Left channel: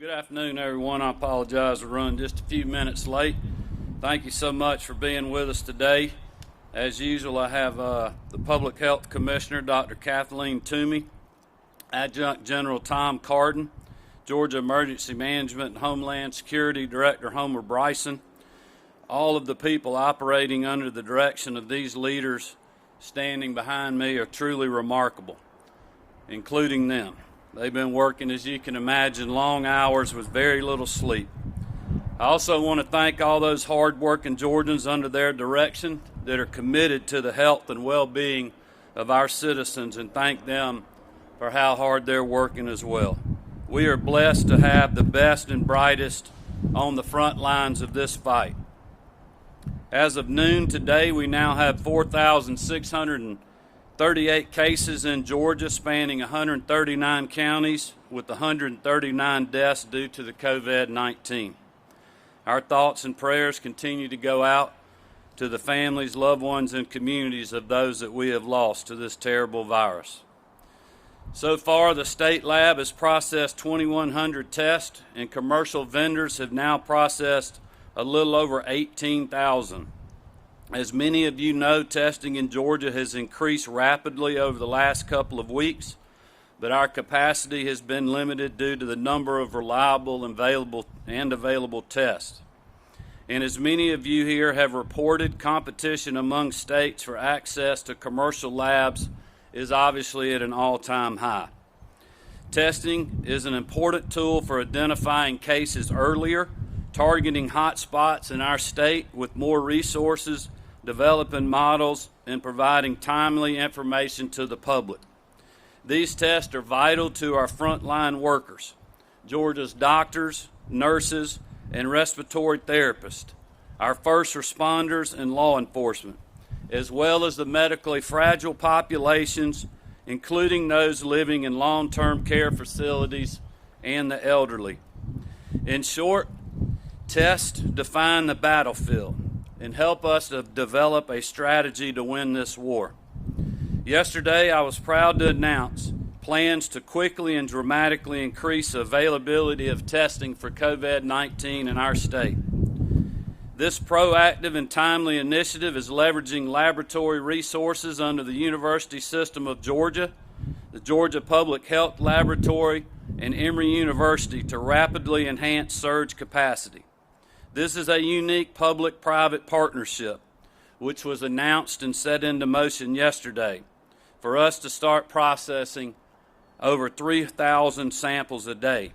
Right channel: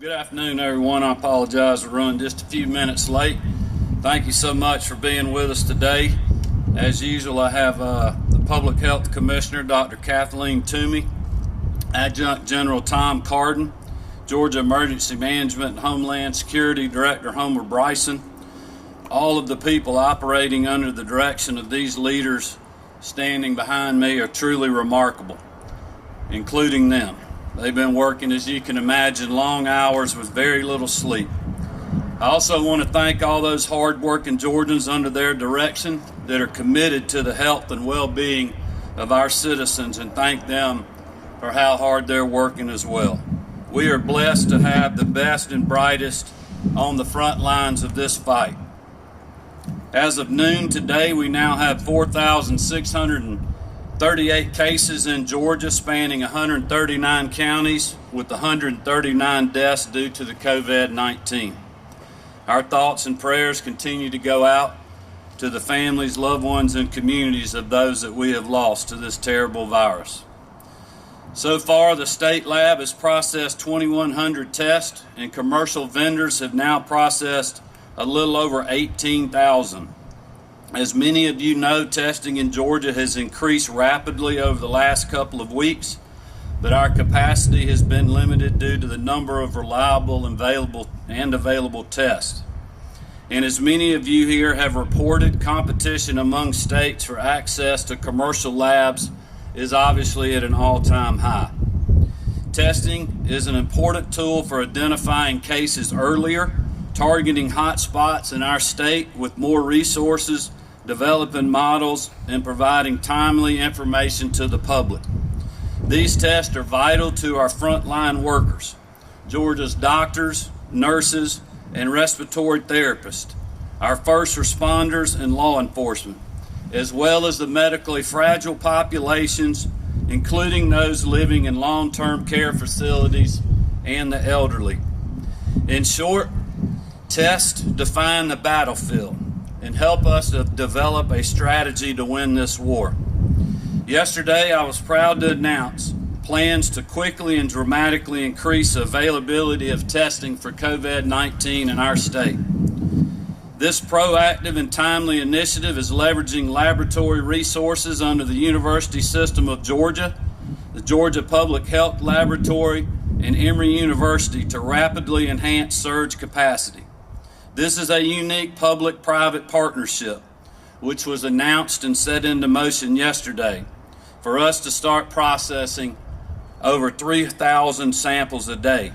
Good afternoon, everyone. I apologize for running just a few minutes late. Thank you so much for being with us today. As usual, I have the Public Health Commissioner, Dr. Kathleen Toomey, Adjutant General Tom Carden, Georgia Emergency Management and Homeland Security Director Homer Bryson. All of the people operating under the direction of these leaders standing behind me are truly remarkable, including them. They've been working, as you can imagine, long hours with very little sleep. I also want to thank all those hard-working Georgians under their direction that are committed to the health and well-being of our citizens, and thank them for how hard they're working as well. We are blessed to have the best and brightest on the front lines of this fight. As of noon today, we now have 4,638 cases in Georgia, spanning 139 counties, with 139 deaths due to the COVID-19. Our thoughts and prayers continue to go out to the families, loved ones, and communities of those that we have lost to this terrible virus. So far, the state lab has processed 2,100 tests, and commercial vendors have now processed a little over 18,000. As many of you know, testing in Georgia has increased rapidly over the last couple of weeks, but our capacity has been limited due to the number of reliable and available tests. And as many of you here have reported, competition among states for access to commercial labs is obviously at an all-time high. Testing is an important tool for identifying cases earlier, targeting hot spots in our state with more resources, developing models, and providing timely information to the public. These tests are vital to our frontline workers, Georgia's doctors, nurses, and respiratory therapists, our first responders and law enforcement, as well as the medically fragile populations, including those living in long-term care facilities and the elderly. In short, tests define the battlefield and help us to develop a strategy to win this war. Yesterday, I was proud to announce plans to quickly and dramatically increase availability of testing for COVID-19 in our state. This proactive and timely initiative is leveraging laboratory resources under the University System of Georgia, the Georgia Public Health Laboratory, and Emory University to rapidly enhance surge capacity. This is a unique public-private partnership, which was announced and set into motion yesterday, for us to start processing over 3,000 samples a day.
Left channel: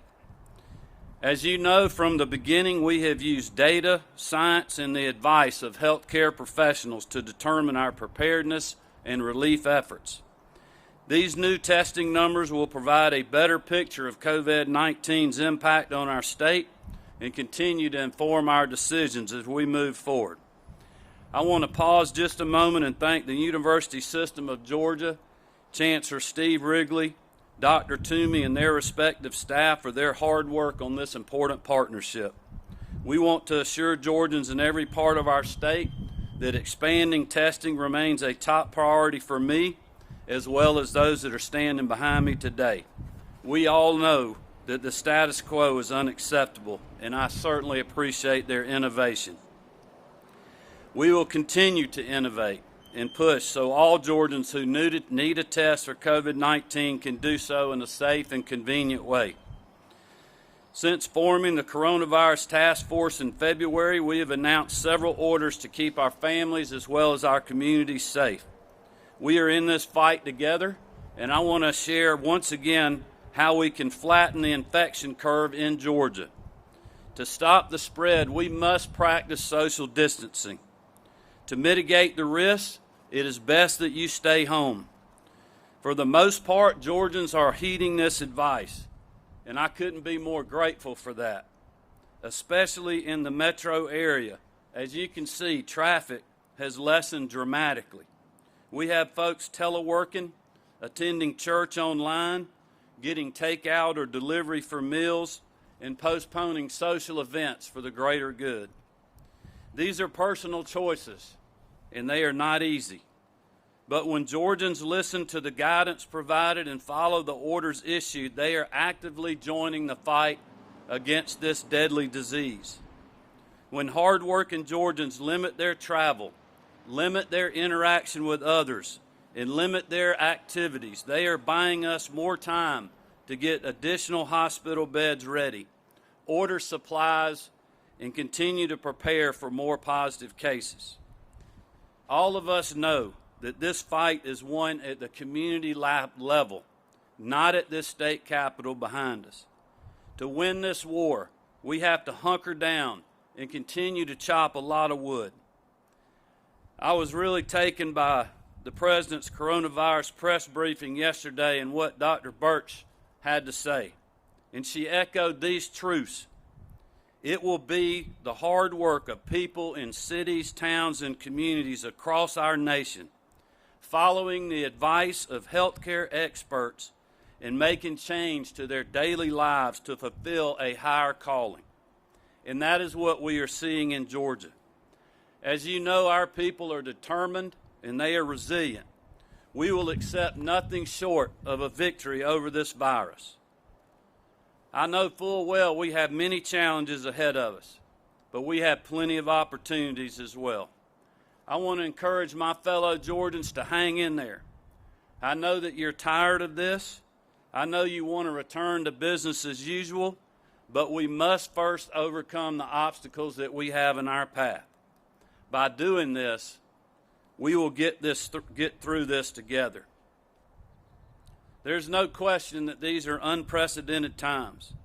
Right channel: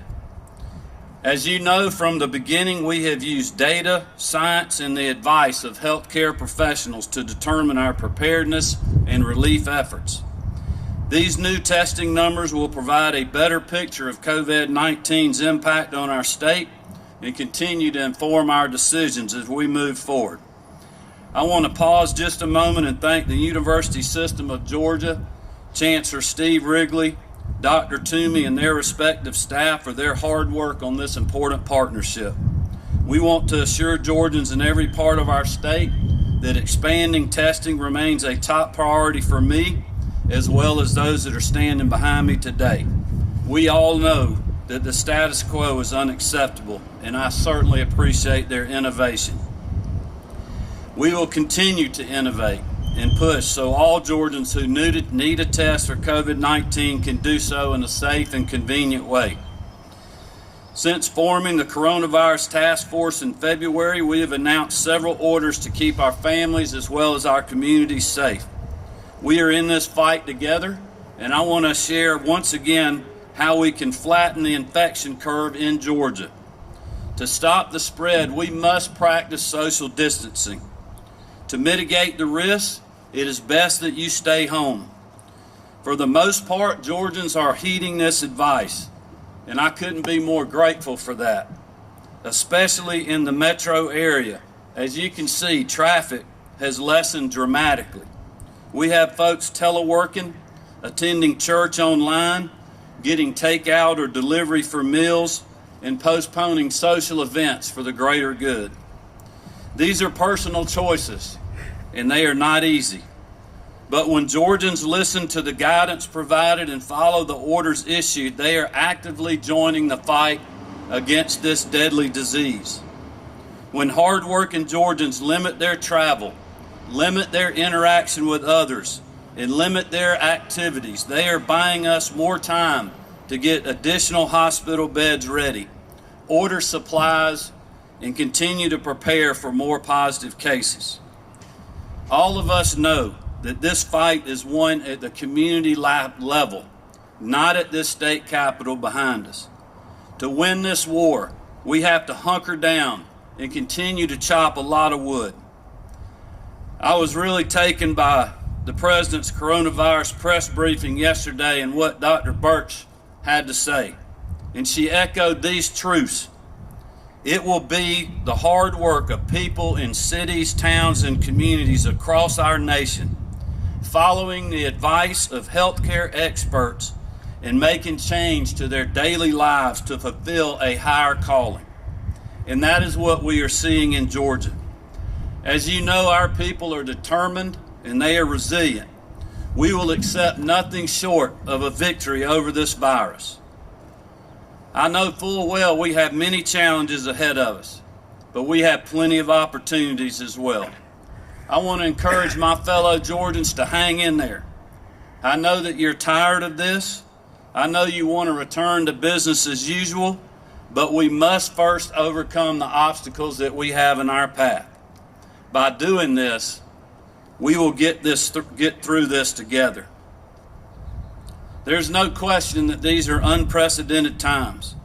As you know, from the beginning, we have used data, science, and the advice of healthcare professionals to determine our preparedness and relief efforts. These new testing numbers will provide a better picture of COVID-19's impact on our state and continue to inform our decisions as we move forward. I want to pause just a moment and thank the University System of Georgia, Chancellor Steve Wrigley, Dr. Toomey, and their respective staff for their hard work on this important partnership. We want to assure Georgians in every part of our state that expanding testing remains a top priority for me, as well as those that are standing behind me today. We all know that the status quo is unacceptable, and I certainly appreciate their innovation. We will continue to innovate and push so all Georgians who need a test for COVID-19 can do so in a safe and convenient way. Since forming the Coronavirus Task Force in February, we have announced several orders to keep our families as well as our communities safe. We are in this fight together, and I want to share once again how we can flatten the infection curve in Georgia. To stop the spread, we must practice social distancing. To mitigate the risks, it is best that you stay home. For the most part, Georgians are heeding this advice, and I couldn't be more grateful for that, especially in the metro area. As you can see, traffic has lessened dramatically. We have folks teleworking, attending church online, getting takeout or delivery for meals, and postponing social events for the greater good. These are personal choices, and they are not easy. But when Georgians listen to the guidance provided and follow the orders issued, they are actively joining the fight against this deadly disease. When hardworking Georgians limit their travel, limit their interaction with others, and limit their activities, they are buying us more time to get additional hospital beds ready, order supplies, and continue to prepare for more positive cases. All of us know that this fight is won at the community level, not at this state capitol behind us. To win this war, we have to hunker down and continue to chop a lot of wood. I was really taken by the President's coronavirus press briefing yesterday and what Dr. Birch had to say. And she echoed these truths. It will be the hard work of people in cities, towns, and communities across our nation, following the advice of healthcare experts and making change to their daily lives to fulfill a higher calling. And that is what we are seeing in Georgia. As you know, our people are determined and they are resilient. We will accept nothing short of a victory over this virus. I know full well we have many challenges ahead of us, but we have plenty of opportunities as well. I want to encourage my fellow Georgians to hang in there. I know that you're tired of this. I know you want to return to business as usual, but we must first overcome the obstacles that we have in our path. By doing this, we will get through this together. There's no question that these are unprecedented times,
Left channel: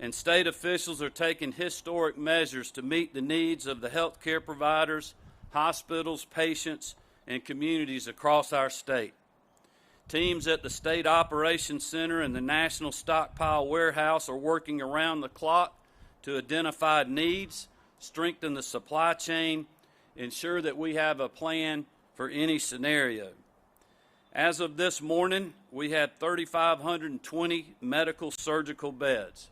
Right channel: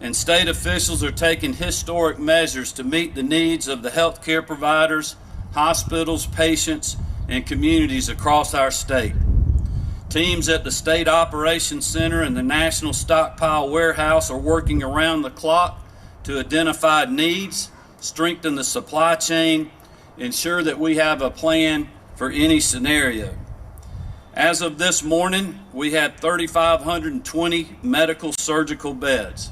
and state officials are taking historic measures to meet the needs of the healthcare providers, hospitals, patients, and communities across our state. Teams at the State Operations Center and the National Stockpile Warehouse are working around the clock to identify needs, strengthen the supply chain, ensure that we have a plan for any scenario. As of this morning, we had 3,520 medical surgical beds,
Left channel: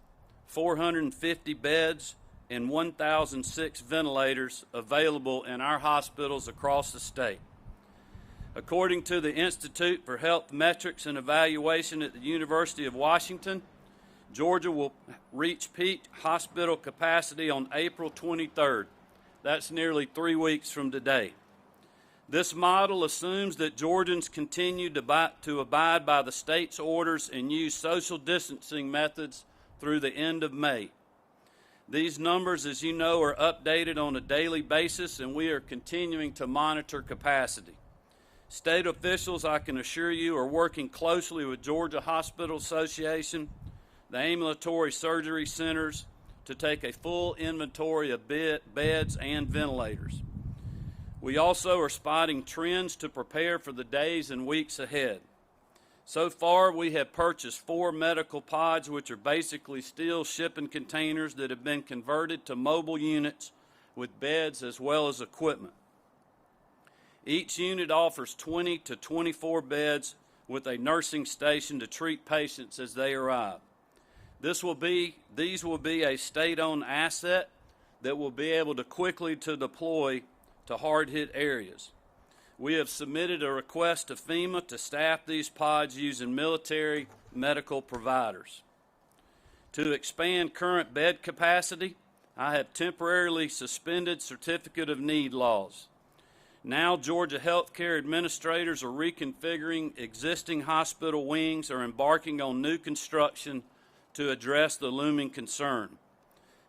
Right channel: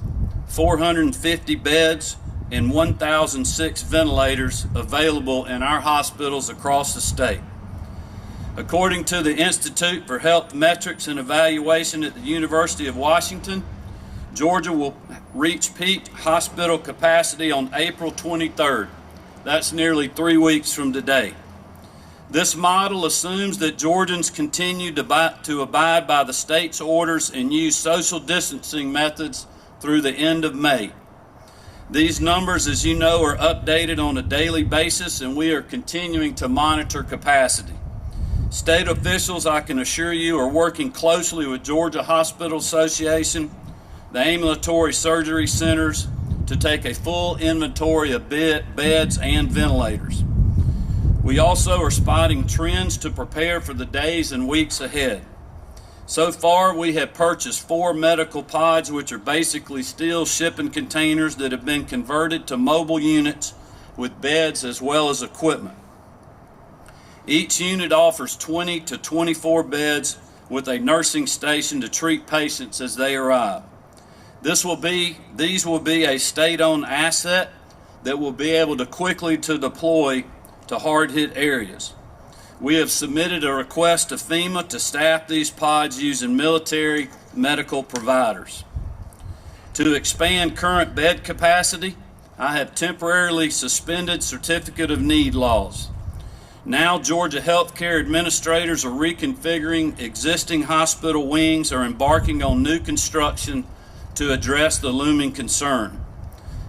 450 beds, and 1,006 ventilators available in our hospitals across the state. According to the Institute for Health Metrics and Evaluation at the University of Washington, Georgia will reach peak hospital capacity on April 23rd. That's nearly 3 weeks from today. This model assumes that Georgians continue to abide by the state's orders and use social distancing methods through the end of May. These numbers, as you know, are updated on a daily basis, and we are continuing to monitor capacity. State officials, I can assure you, are working closely with Georgia Hospital Association, the ambulatory surgery centers, to take a full inventory of beds and ventilators. We also are spotting trends to prepare for the days and weeks ahead. So far, we have purchased 4 medical pods, which are basically steel shipping containers that have been converted to mobile units with beds as well as equipment. Each unit offers 20 to 24 beds with a nursing station to treat patients as they arrive. These will be a state-owned asset that will be able to quickly deploy to hard-hit areas. We have submitted a request to FEMA to staff these pods using military medical providers. To expand current bed capacity, I have temporarily suspended certificate of need laws. Now, Georgia healthcare administrators are reconfiguring existing hospital wings or embarking on new construction to address the looming concern.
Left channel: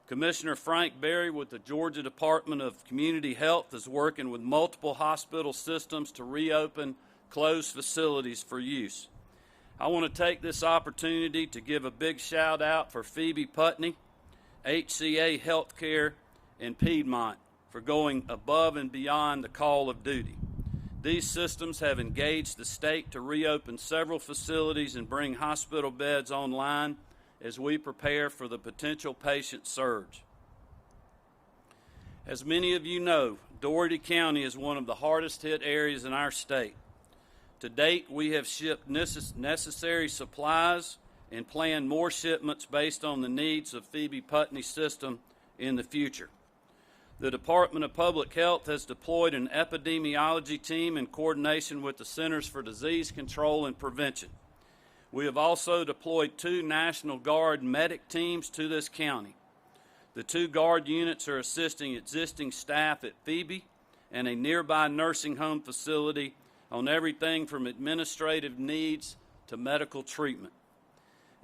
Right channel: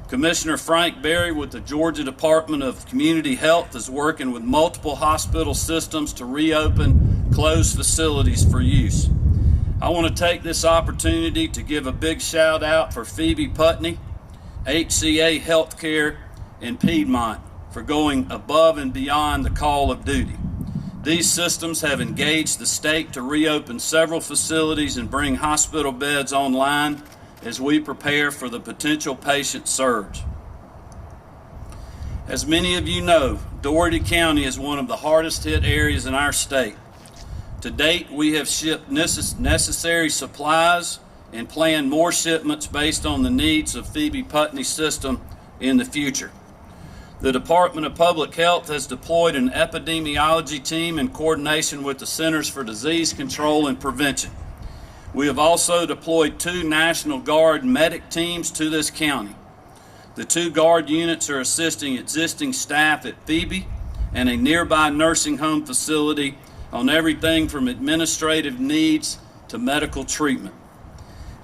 Commissioner Frank Berry with the Georgia Department of Community Health is working with multiple hospital systems to reopen closed facilities for use. I want to take this opportunity to give a big shout out for Phoebe Putney, HCA Healthcare, and Piedmont for going above and beyond the call of duty. These systems have engaged the state to reopen several facilities and bring hospital beds online as we prepare for the potential patient surge. As many of you know, Dougherty County is one of the hardest hit areas in our state. To date, we have shipped necessary supplies and planned more shipments based on the needs of Phoebe Putney's system in the future. The Department of Public Health has deployed an epidemiology team in coordination with the Centers for Disease Control and Prevention. We have also deployed 2 National Guard medic teams to this county. The 2 Guard units are assisting existing staff at Phoebe and a nearby nursing home facility on everything from administrative needs to medical treatment.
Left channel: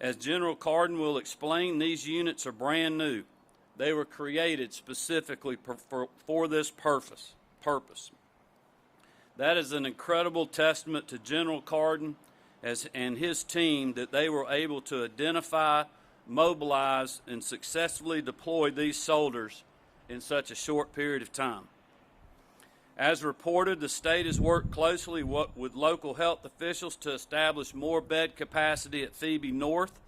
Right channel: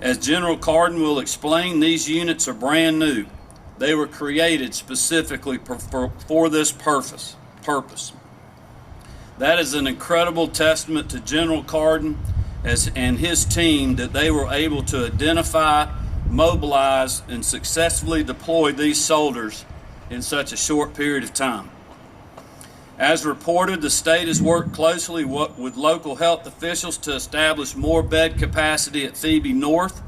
As General Carden will explain, these units are brand new. They were created specifically for this purpose. That is an incredible testament to General Carden and his team that they were able to identify, mobilize, and successfully deploy these soldiers in such a short period of time. As reported, the state has worked closely with local health officials to establish more bed capacity at Phoebe North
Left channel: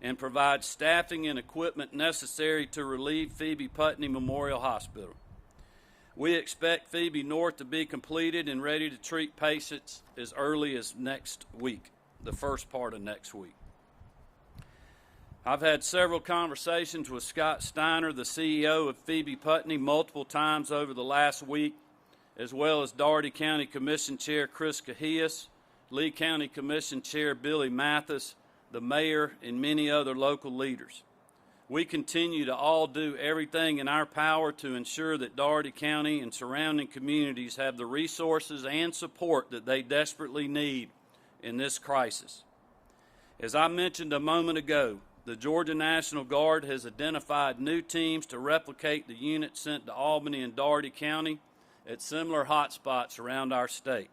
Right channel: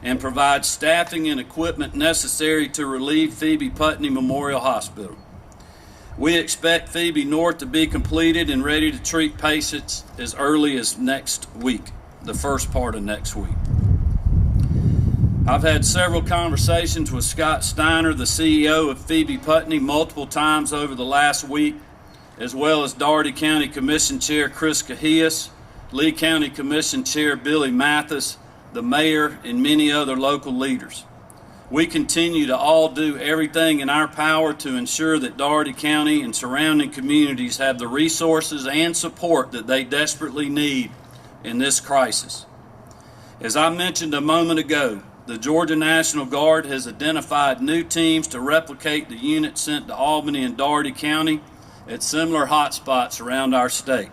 and provide staffing and equipment necessary to relieve Phoebe Putney Memorial Hospital. We expect Phoebe North to be completed and ready to treat patients as early as next week, the first part of next week. I've had several conversations with Scott Steiner, the CEO of Phoebe Putney, multiple times over the last week, as well as Dougherty County Commission Chair Chris Cahias, Lee County Commission Chair Billy Mathis, the mayor, and many other local leaders. We continue to all do everything in our power to ensure that Dougherty County and surrounding communities have the resources and support that they desperately need in this crisis. As I mentioned a moment ago, the Georgia National Guard has identified new teams to replicate the units sent to Albany and Dougherty County at similar hotspots around our state.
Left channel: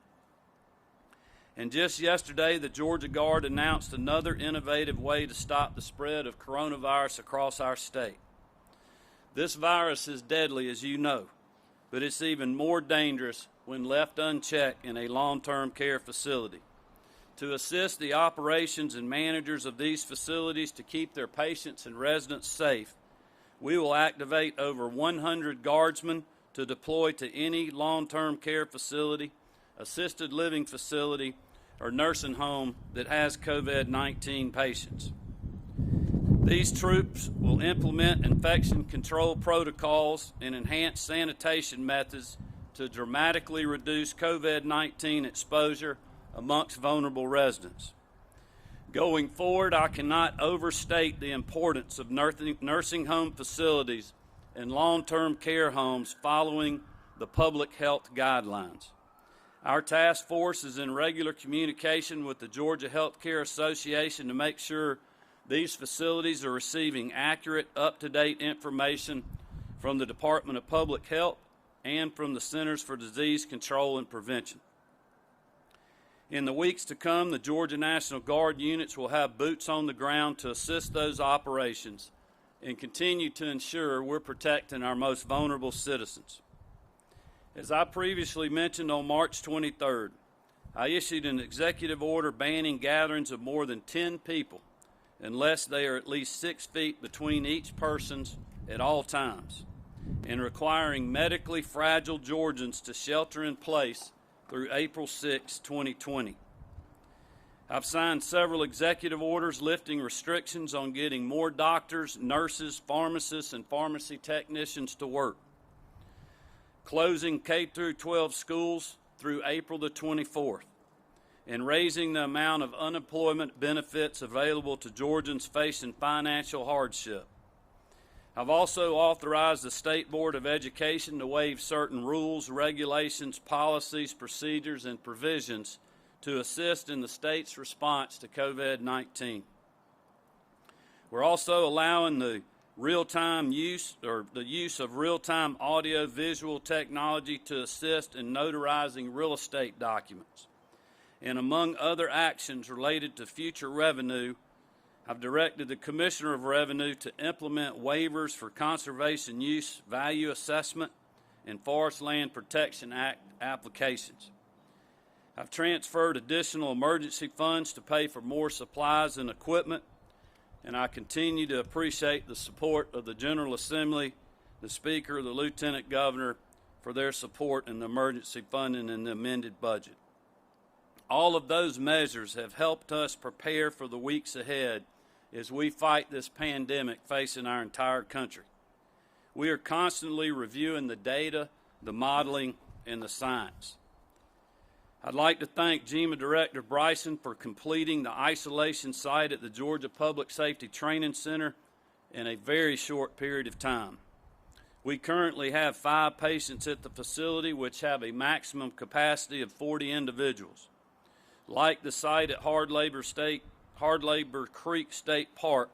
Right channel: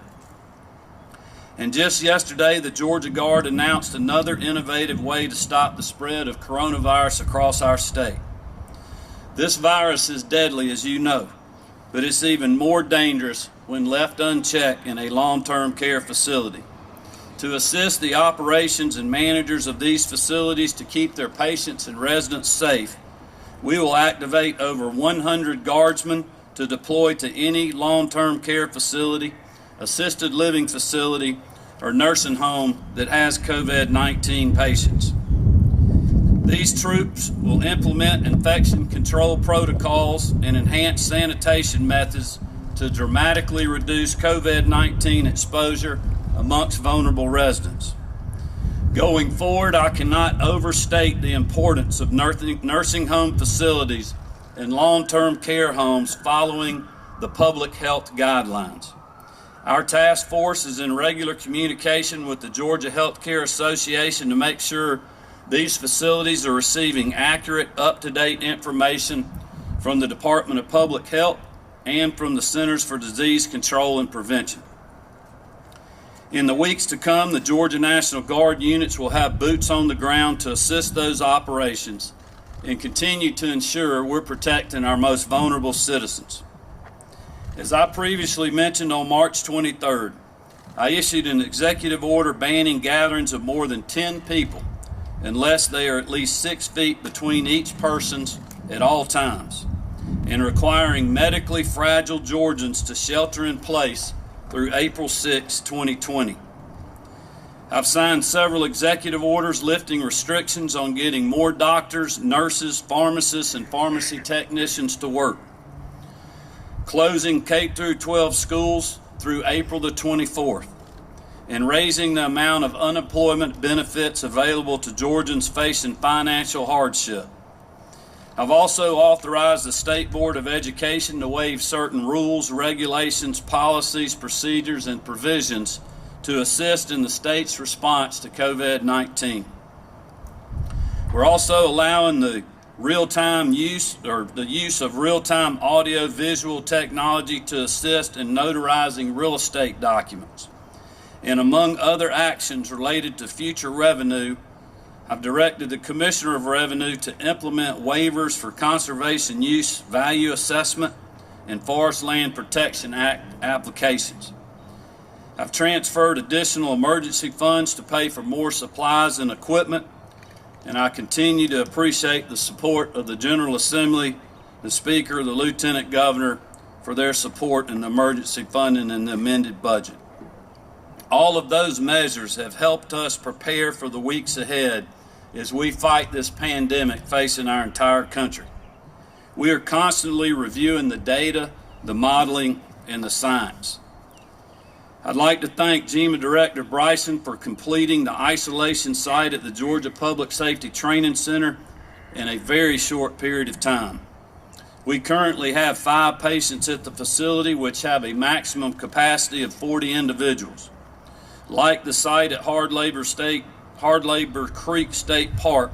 And just yesterday, the Georgia Guard announced another innovative way to stop the spread of coronavirus across our state. This virus is deadly, as you know, but it's even more dangerous when left unchecked in a long-term care facility. To assist the operations and managers of these facilities to keep their patients and residents safe, we will activate over 100 guardsmen to deploy to any long-term care facility, assisted living facility, or nursing home that has COVID-19 patients. These troops will implement infection control protocols and enhance sanitation methods to dramatically reduce COVID-19 exposure amongst vulnerable residents. Going forward, I cannot overstate the importance of nursing home facilities and long-term care homes following the public health guidelines. Our task force is in regular communication with the Georgia Healthcare Association to make sure these facilities are receiving accurate, up-to-date information from the Department of Public Health and from the Centers for Disease Control and Prevention. In the weeks to come, the Georgia National Guard units will have boots on the ground to assist those operations and continue to ensure we're protecting our most vulnerable citizens. As I previously mentioned, on March 23rd, I issued an executive order banning gatherings of more than 10 people unless they are at least 6 feet between each person at all times, and requiring medically fragile Georgians to shelter in place through April 6, 2020. I've signed several executive orders lifting restrictions on getting more doctors, nurses, pharmacists, and pharmacy technicians to work, closing K-12 schools through April the 24th, and raising the amount of unemployment benefits available to Georgians facing financial hardship. I've also authorized the State Board of Education to waive certain rules, regulations, policies, procedures, and provisions to assist in the state's response to COVID-19. We're also allowing the use of real-time audio-visual technology to assist in notarizing real estate documents. And among other actions related to future revenue, I've directed the Commissioner of Revenue to implement waivers for Conservation Use Value Assessment and Forest Land Protection Act applications. I've transferred additional emergency funds to pay for more supplies and equipment, and I continue to appreciate the support of the General Assembly, the Speaker, the Lieutenant Governor for their support in the emergency funding and the amended budget. All of those measures have helped us prepare for the weeks ahead as we fight this pandemic facing our entire country. We are constantly reviewing the data, the modeling, and the science. I'd like to thank GEMA Director Bryson for completing the isolation site at the Georgia Public Safety Training Center in a very short period of time. We currently have 5 patients at the facility, which have a maximum capacity of 40 individuals. Like the site at Hard Labor Creek State Park,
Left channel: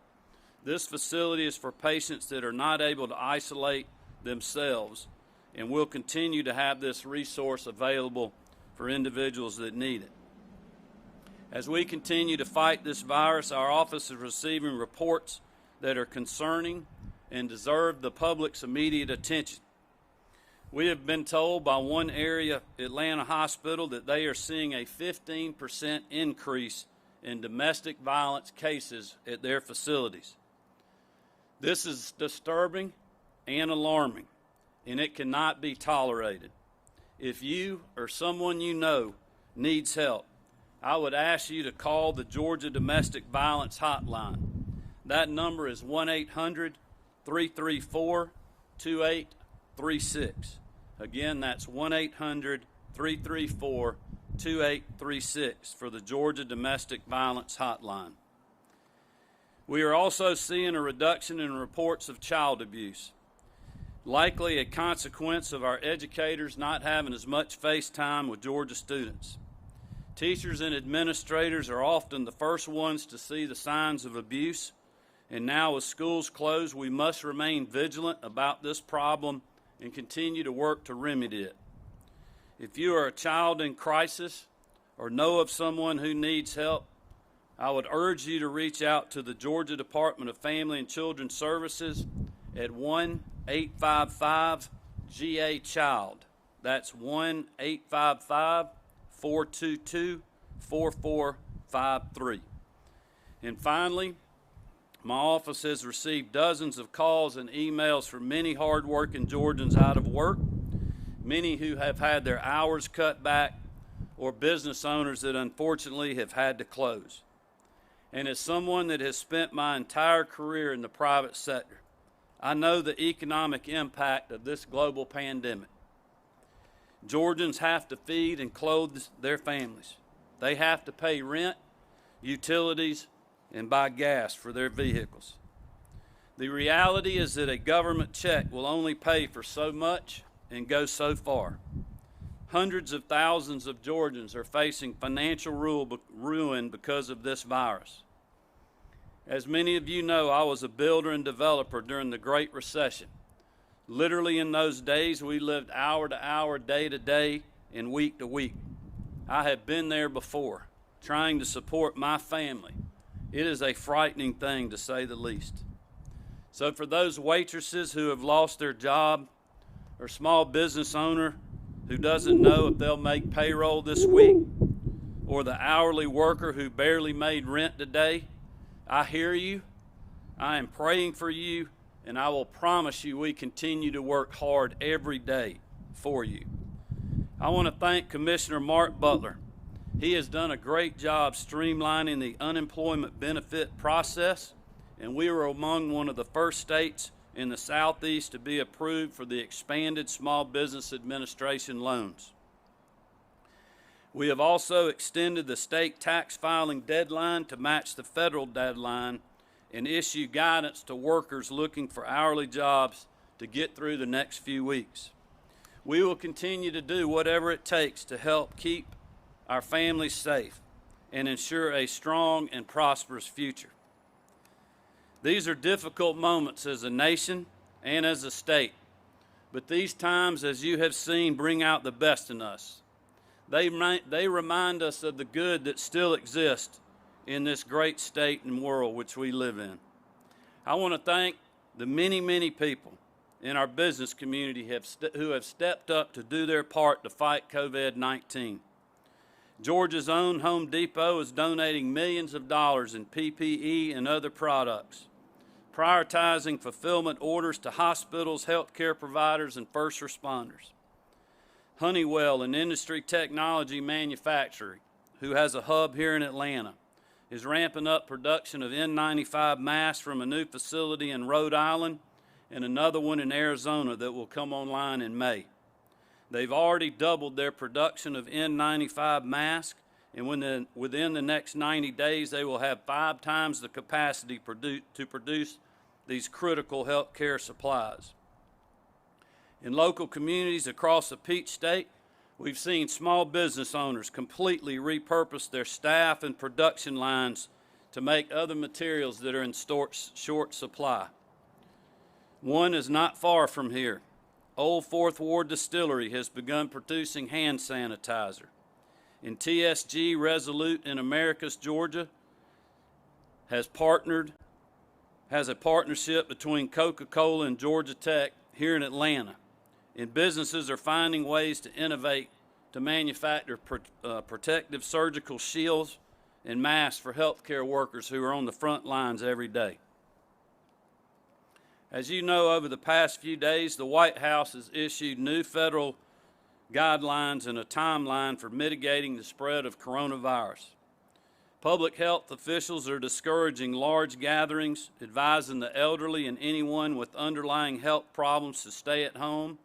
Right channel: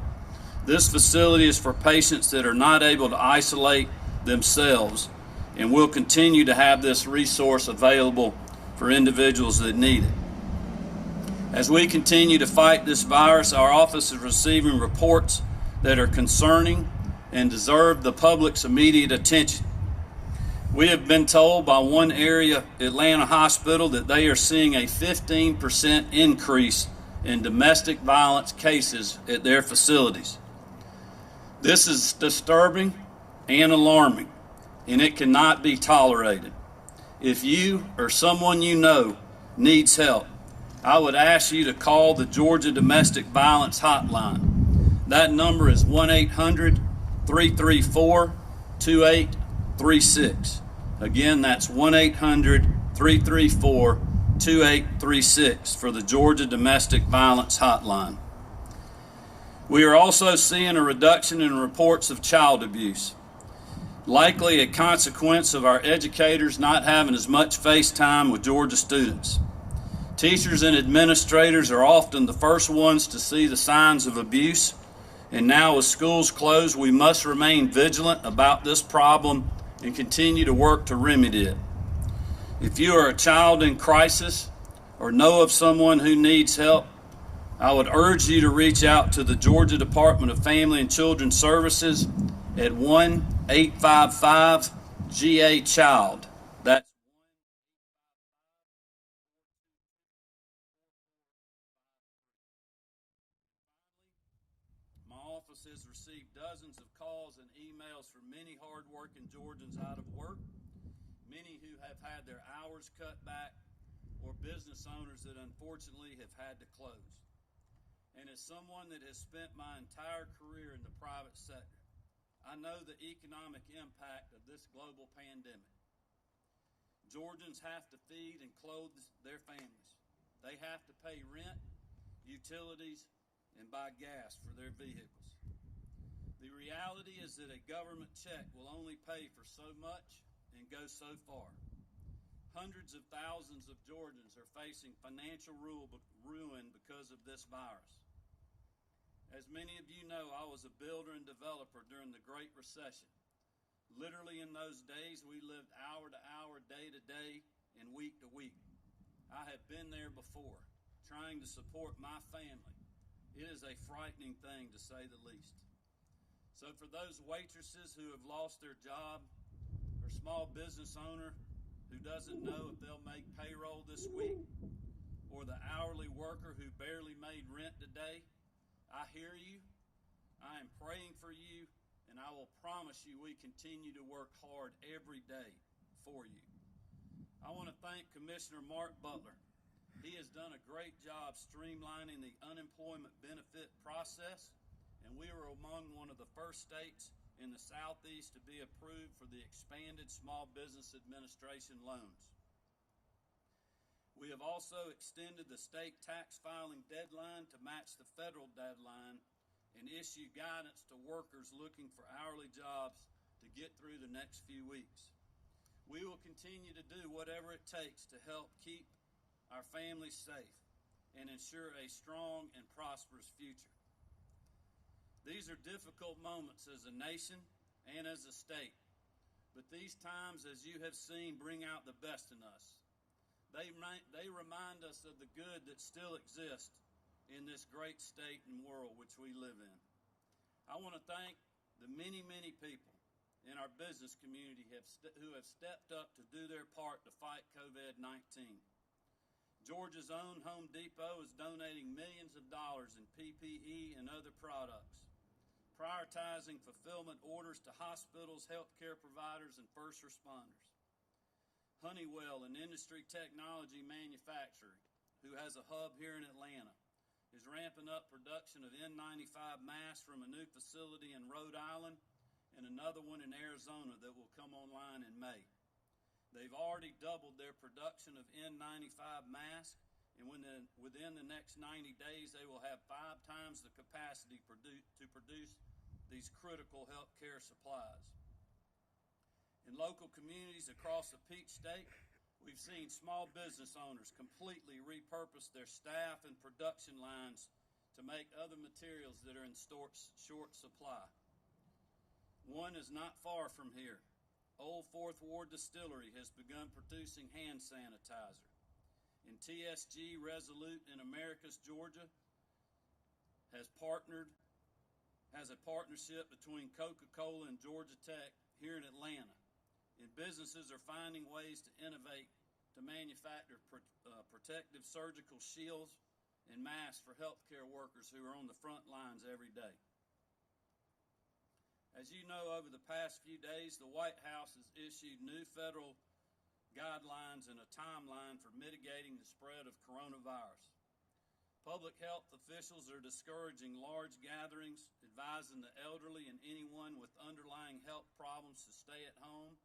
this facility is for patients that are not able to isolate themselves, and we'll continue to have this resource available for individuals that need it. As we continue to fight this virus, our office is receiving reports that are concerning and deserve the public's immediate attention. We have been told by one area Atlanta hospital that they are seeing a 15% increase in domestic violence cases at their facilities. This is disturbing and alarming, and it cannot be tolerated. If you or someone you know needs help, I would ask you to call the Georgia Domestic Violence Hotline. That number is 1-800-334-2836. Again, that's 1-800-334-2836 for the Georgia Domestic Violence Hotline. We are also seeing a reduction in reports of child abuse, likely a consequence of our educators not having as much face time with Georgia students. Teachers and administrators are often the first ones to see the signs of abuse, and now with schools closed, we must remain vigilant about this problem and continue to work to remedy it. If you are a child in crisis or know of someone who needs help, I would urge you to reach out to the Georgia Department of Family and Children Services at 1-855-GA-CHILD. That's 1-855-422-4453. And finally, my office has received dozens of calls and emails from many hardworking Georgians out of work, many who have had their hours cut back, or business owners that unfortunately have had to close. And as someone that has spent my entire career in the private sector, I know the economic impact of this global pandemic. Georgians have to feed and clothe their families. They have to pay rent, utilities, and buy gas for their vehicles. The reality is that a government check will only pay for so much and go so far. Hundreds of thousands of Georgians are facing financial ruin because of this virus. As many of you know, I was a builder and developer during the Great Recession. Literally in those days, we lived hour to hour, day to day, and week to week. I have been there before, trying to support my family. It is a frightening thing, to say the least. So for those waitresses who have lost their job, or small business owner who doesn't know if they'll make payroll this week, or the hourly worker who barely made rent today, I hear you, I am praying for you, and I will promise you we continue to work hard every day for you. I want to thank Commissioner Mark Butler. He has done a great job streamlining the unemployment benefit process, and we were among one of the first states in the Southeast to be approved for the expanded Small Business Administration loans. We have also extended the state tax filing deadline to match the federal deadline and issue guidance to workers looking for hourly jobs to get through the next few weeks. We will continue to do whatever it takes to help keep our families safe and ensure a strong and prosperous future. These are difficult moments as a nation and as a state, but these times, as you have seen, bring out the best in us. They remind us of the good that still exists in this great state and world which we live in. I want to thank the many, many people in our business community who have stepped up to do their part to fight COVID-19. Georgia's own Home Depot is donating millions of dollars in PPE and other products, prioritizing fulfillment orders to hospitals, healthcare providers, and first responders. Honeywell, an industry technology manufacturer who has a hub here in Atlanta, is ramping up production of N95 masks from a new facility in Rhode Island and another one in Arizona that will come online in May. They've already doubled their production of N95 masks, and within the next 90 days, they will have 5 times the capacity to produce these critical health care supplies. In local communities across the Peach State, we've seen small business owners completely repurpose their staff and production lines to make other materials that are in short supply. One is not far from here. Old Fourth Ward Distillery has begun producing hand sanitizer. And TSG Resolute in Americus, Georgia, has a partnership between Coca-Cola and Georgia Tech here in Atlanta. And businesses are finding ways to innovate to manufacture protective surgical shields and masks for healthcare workers who are on the front lines every day. As you know, over the past few days, the White House has issued new federal guidelines and a timeline for mitigating the spread of coronavirus. Public health officials are discouraging large gatherings, advising the elderly and anyone with underlying health problems to stay at home,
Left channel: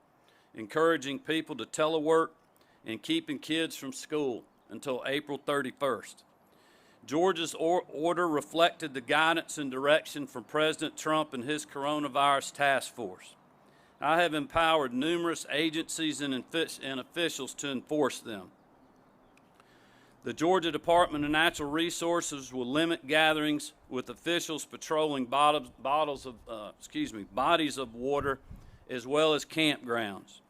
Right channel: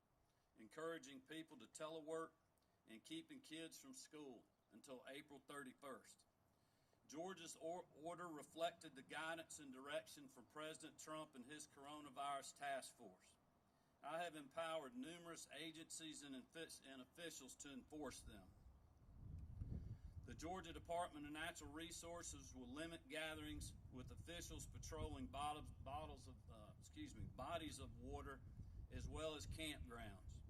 encouraging people to telework, and keeping kids from school until April 31st. Georgia's order reflected the guidance and direction from President Trump and his coronavirus task force. I have empowered numerous agencies and officials to enforce them. The Georgia Department of Natural Resources will limit gatherings with officials patrolling bodies of water as well as campgrounds.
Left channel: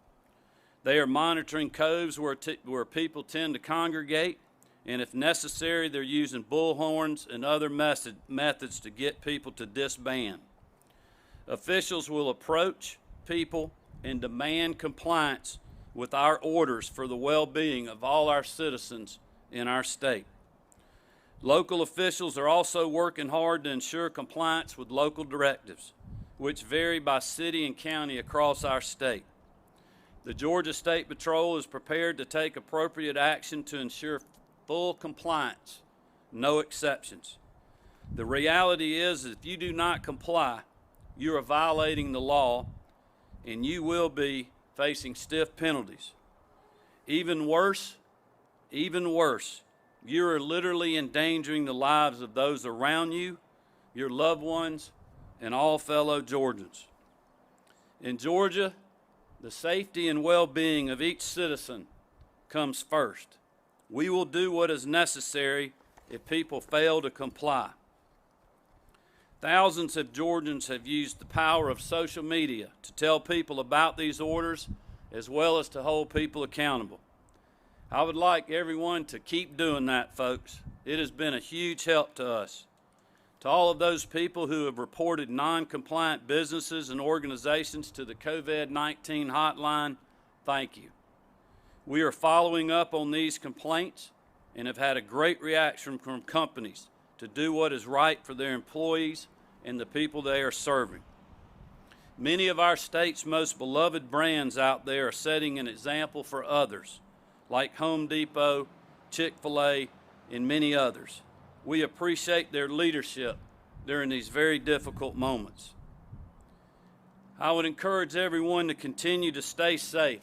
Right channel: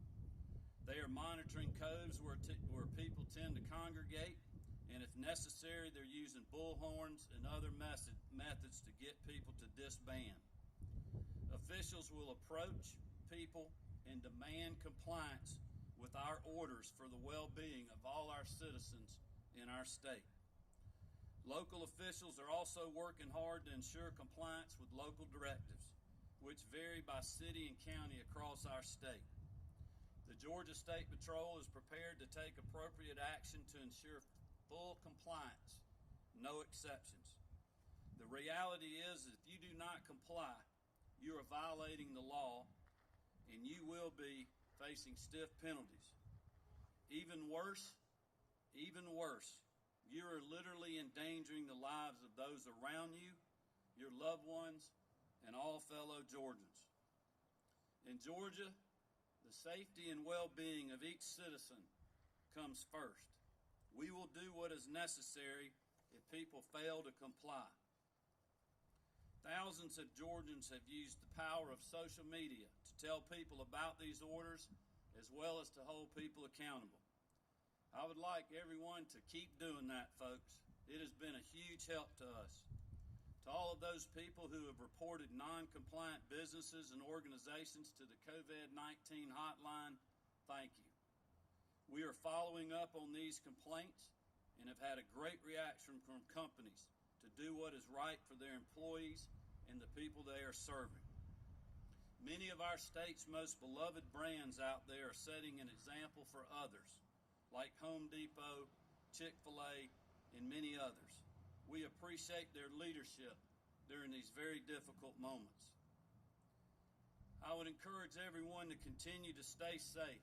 They are monitoring coves where people tend to congregate, and if necessary, they're using bullhorns and other methods to get people to disband. Officials will approach people and demand compliance with our orders for the well-being of all our citizens in our state. Local officials are also working hard to ensure compliance with local directives, which vary by city and county across our state. The Georgia State Patrol is prepared to take appropriate action to ensure full compliance, no exceptions. The reality is, if you do not comply, you are violating the law and you will be facing stiff penalties. Even worse, you are literally endangering the lives of those around you, your loved ones, and all fellow Georgians. In Georgia, the safety and well-being of each citizen comes first. We will do what is necessary if people fail to comply. Thousands of Georgians have used the power of social media to tell people about these orders as well as to hold people accountable. I would like everyone to keep doing that, folks. It has been a huge help to us. To all of those people who have reported non-compliant businesses and organizations to the COVID-19 hotline, thank you. We are following up on these complaints and have had a great reaction from companies to do what is right for their employees and the people they are serving. Many of our state's most beloved brands out there are setting an example for others, like Home Depot, Chick-fil-A, and many others. We appreciate their leadership during these very difficult moments. I would encourage everyone to continue to stay safe.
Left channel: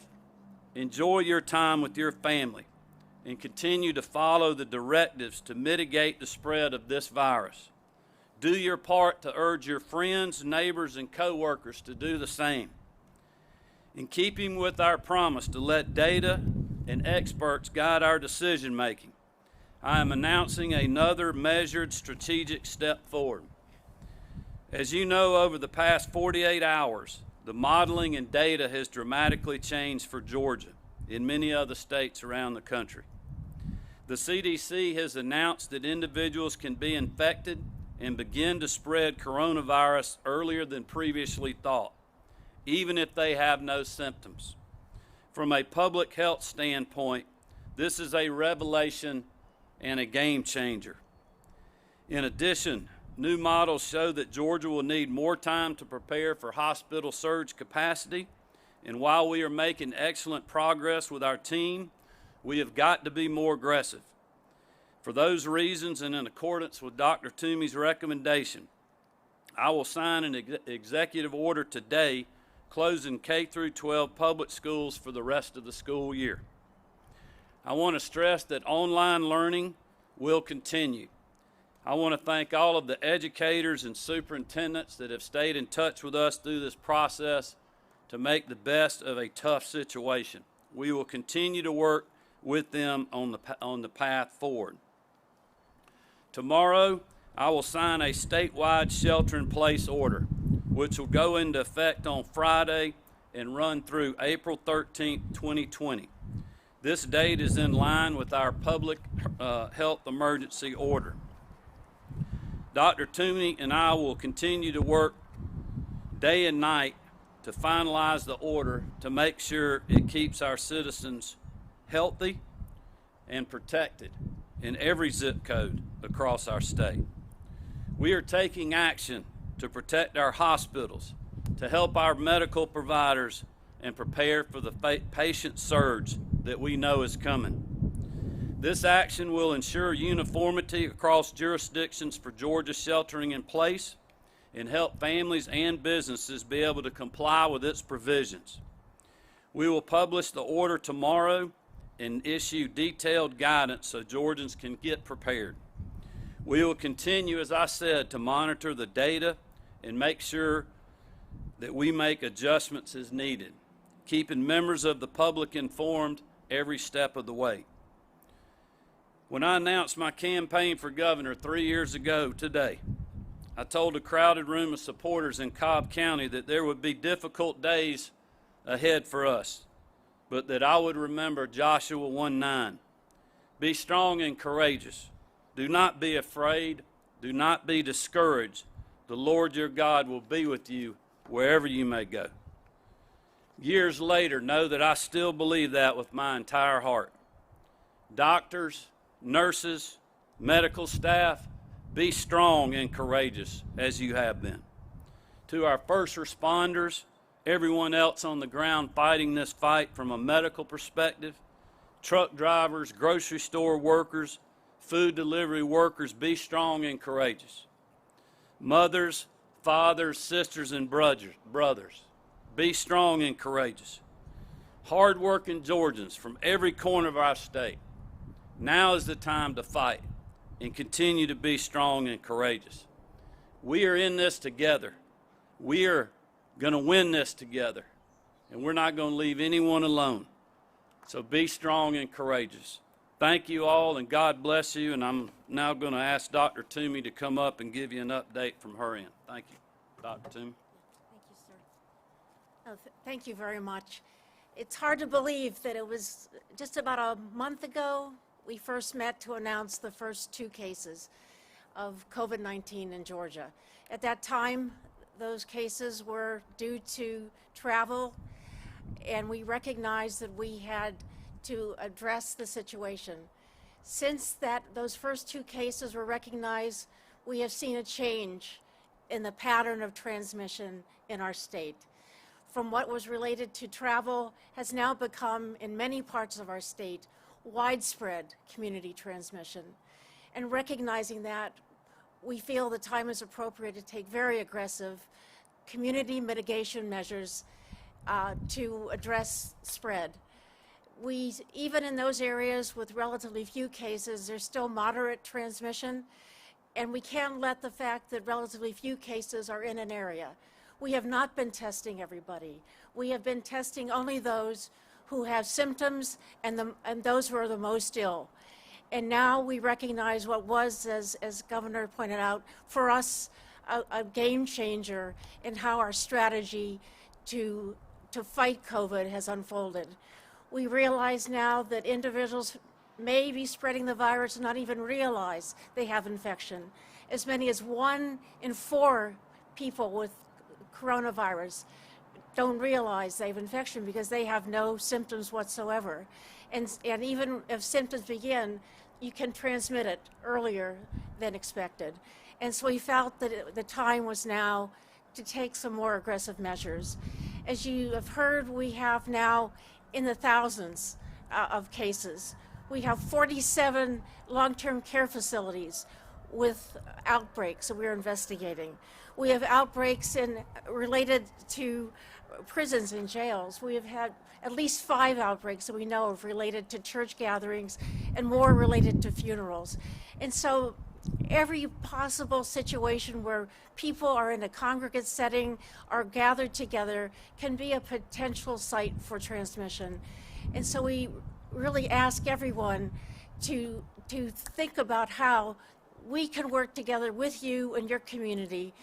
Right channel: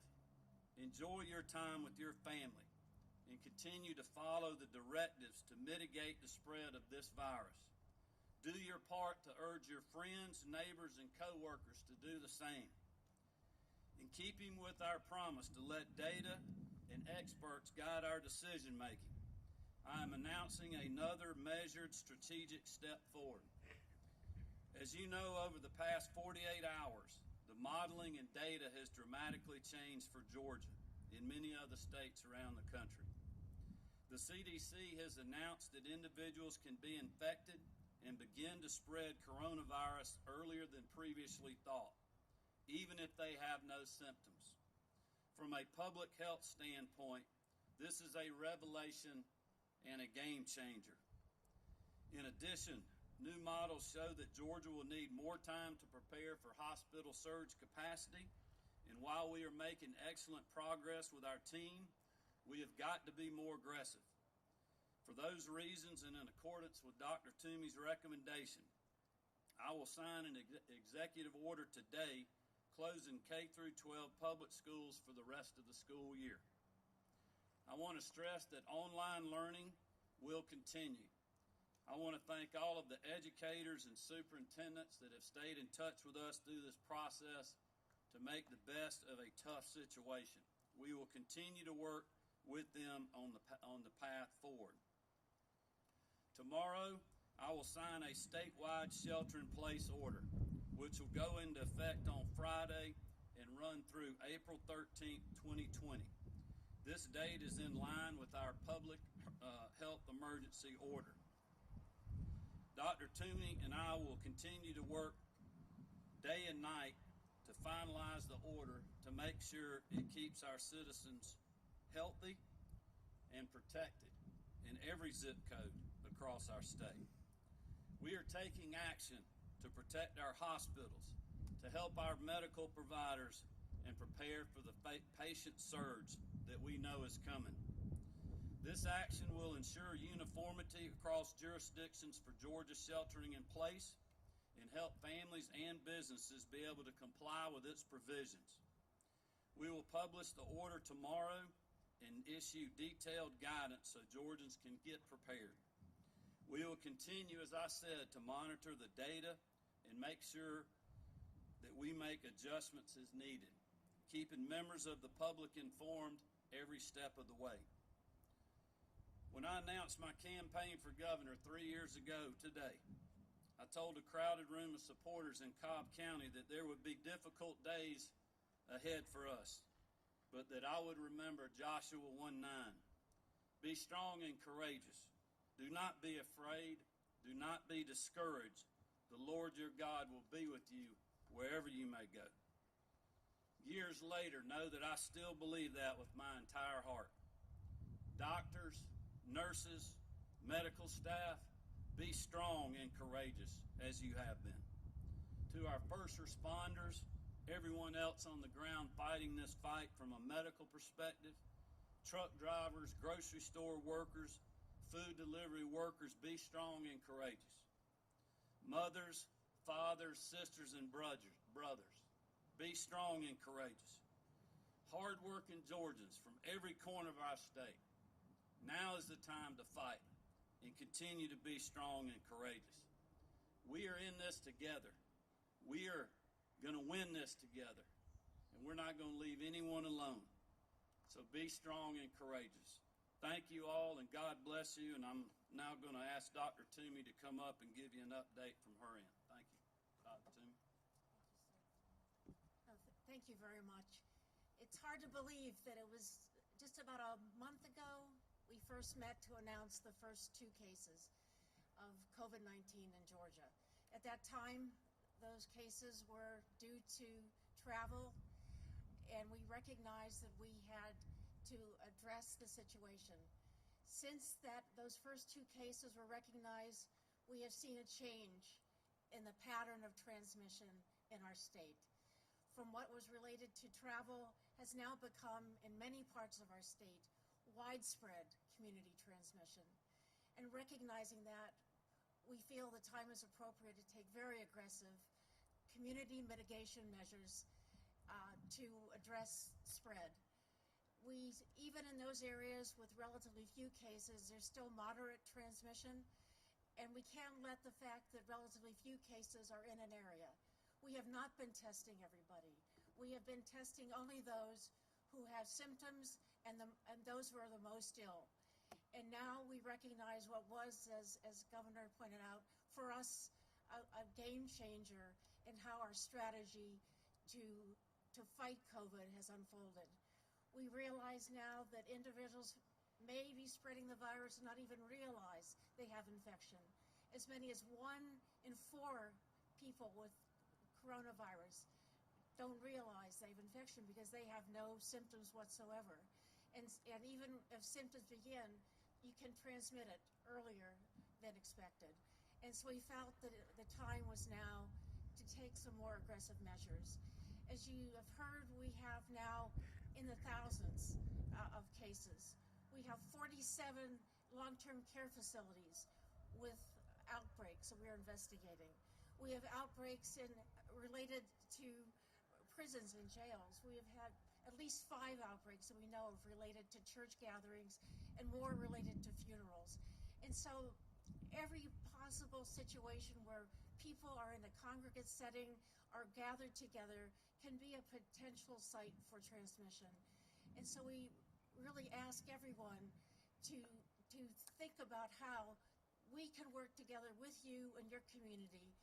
Enjoy your time with your family and continue to follow the directives to mitigate the spread of this virus. Do your part to urge your friends, neighbors, and coworkers to do the same. In keeping with our promise to let data and experts guide our decision making, I am announcing another measured strategic step forward. As you know, over the past 48 hours, the modeling and data has dramatically changed for Georgia and many other states around the country. The CDC has announced that individuals can be infected and begin to spread coronavirus earlier than previously thought, even if they have no symptoms. From a public health standpoint, this is a revelation and a game changer. In addition, new models show that Georgia will need more time to prepare for hospital surge capacity, and while we are making excellent progress with our team, we have got to be more aggressive. For those reasons, and in accordance with Dr. Toomey's recommendation, I will sign an executive order today closing K through 12 public schools for the rest of the school year. I want to stress that online learning will continue. I want to thank all of the educators and superintendents that have stayed in touch with us through this process to make the best of a tough situation. We will continue to work with them on the path forward. Tomorrow, I will sign a statewide shelter-in-place order, which will go into effect on Friday and run through April 13, 2020. This date is in line with our public health emergency order. Dr. Toomey and I will continue to work day and night to finalize the order to make sure it keeps our citizens healthy and protected in every zip code across our state. We are taking action to protect our hospitals, to help our medical providers, and prepare for the patient surge that we know is coming. This action will ensure uniformity across jurisdictions for Georgia sheltering in place and help families and businesses be able to comply with its provisions. We will publish the order tomorrow and issue detailed guidance so Georgians can get prepared. We will continue, as I said, to monitor the data and make sure that we make adjustments as needed, keeping members of the public informed every step of the way. When I announced my campaign for governor 3 years ago today, I told a crowded room of supporters in Cobb County that there would be difficult days ahead for us, but that I would remember Joshua 1:9. Be strong and courageous. Do not be afraid. Do not be discouraged. The Lord your God will be with you wherever you may go. Years later, know that I still believe that with my entire heart. Doctors, nurses, medical staff, be strong and courageous as you have been. To our first responders, everyone else on the ground fighting this fight from a medical perspective, truck drivers, grocery store workers, food delivery workers, be strong and courageous. Mothers, fathers, sisters, and brothers, be strong and courageous. Hard-working Georgians from every corner of our state, now is the time to fight and continue to be strong and courageous. We are in this together. We are going to win this together, and we're not going to leave anyone alone. So be strong and courageous. Thank you all, and God bless you, and I'm now going to ask Dr. Toomey to come up and give you an update from her end. Thank you, Dr. Toomey. Thank you, sir. Thank you very much. It's hard to believe that it was just about a month ago we first met to announce the first 2 cases of COVID-19 in Georgia. At that time, those cases were due to travel, and we recognized that we had to address the situation. Since those first 2 cases were recognized, we have seen a change in the pattern of transmission in our state. From what was related to travel has now become, in many parts of our state, widespread community transmission. And recognizing that, we feel the time is appropriate to take very aggressive community mitigation measures to address spread. Even in those areas with relatively few cases, there's still moderate transmission, and we can't let the fact that relatively few cases are in an area. We have not been testing everybody. We have been testing only those who have symptoms and those who are the most ill. And now we recognize what was, as Governor pointed out, for us, a game changer in how our strategy to fight COVID has unfolded. We realize now that individuals may be spreading the virus and not even realize they have infection. As many as 1 in 4 people with coronavirus don't realize they have infection because they have no symptoms whatsoever. And even if symptoms begin, you can transmit it earlier than expected. And so we felt that the time was now to take some more aggressive measures. As you have heard, we have now in the thousands of cases. We have 47 long-term care facilities with outbreaks that we're investigating. We have outbreaks related to prisons and jails. We have had at least 5 outbreaks that we know of related to church gatherings and more related to funerals. And so every possible situation where people are in a congregate setting or gathered together can be a potential site for transmission. And so we really ask everyone to think about how we can work together with you and your community.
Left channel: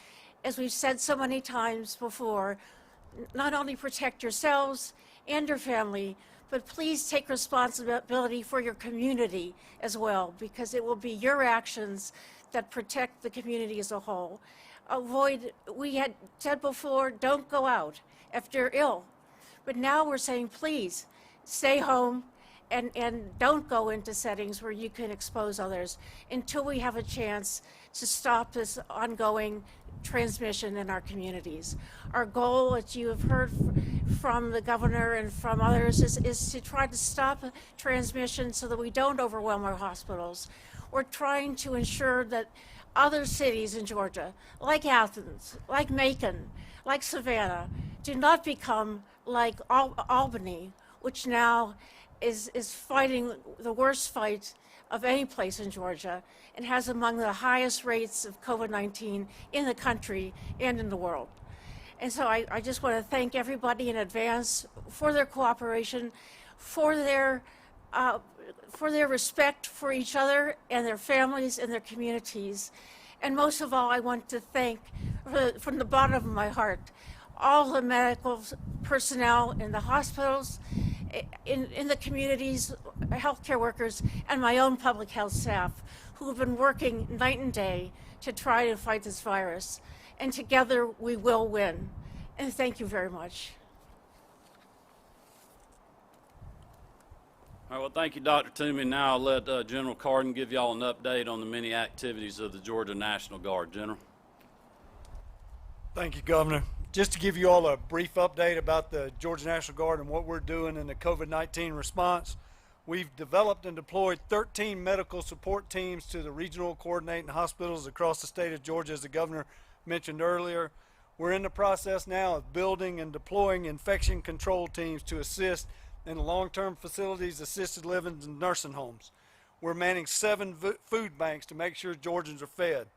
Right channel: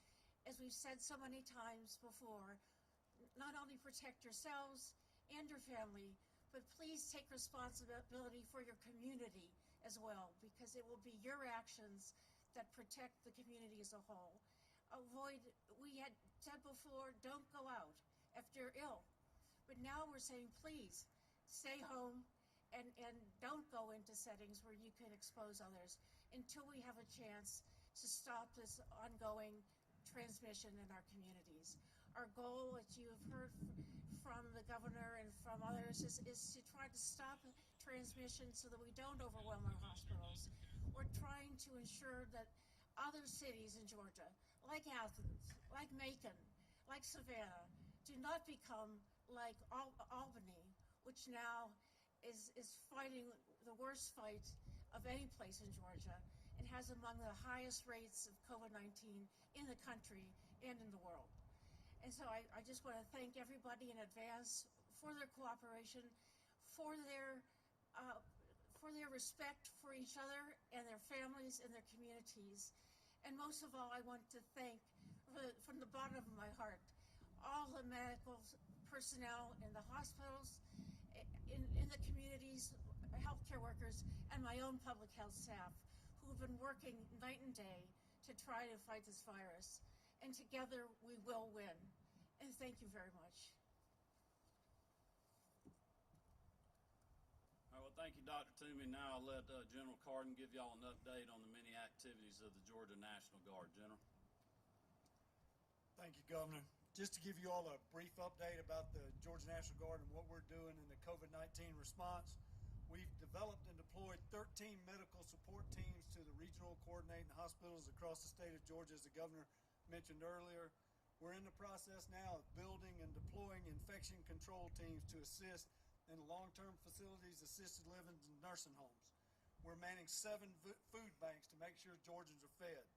As we've said so many times before, not only protect yourselves and your family, but please take responsibility for your community as well, because it will be your actions that protect the community as a whole. We had said before, don't go out if you're ill. But now we're saying, please stay home and don't go into settings where you can expose others until we have a chance to stop this ongoing transmission in our communities. Our goal, as you have heard from the governor and from others, is to try to stop transmission so that we don't overwhelm our hospitals. We're trying to ensure that other cities in Georgia, like Athens, like Macon, like Savannah, do not become like Albany, which now is fighting the worst fight of any place in Georgia and has among the highest rates of COVID-19 in the country and in the world. And so I just want to thank everybody in advance for their cooperation, for their respect for each other and their families and their communities. And most of all, I want to thank, from the bottom of my heart, all the medical personnel in the hospitals, in the communities, healthcare workers, and my own public health staff who have been working night and day to try to fight this virus. And together we will win. And thank you very much. All right, well, thank you, Dr. Toomey. Now I'll let General Carden give y'all an update on the many activities of the Georgia National Guard. General. Thank you, Governor. Just to give you all a brief update about the Georgia National Guard and what we're doing in the COVID-19 response, we've developed and deployed 13 medical support teams to the regional coordinating hospitals across the state of Georgia, as the Governor mentioned earlier. We're in the process now of building and deploying infection control teams to assist in long-term facilities, assisted living, and nursing homes. We're manning 7 food banks to make sure Georgians are fed.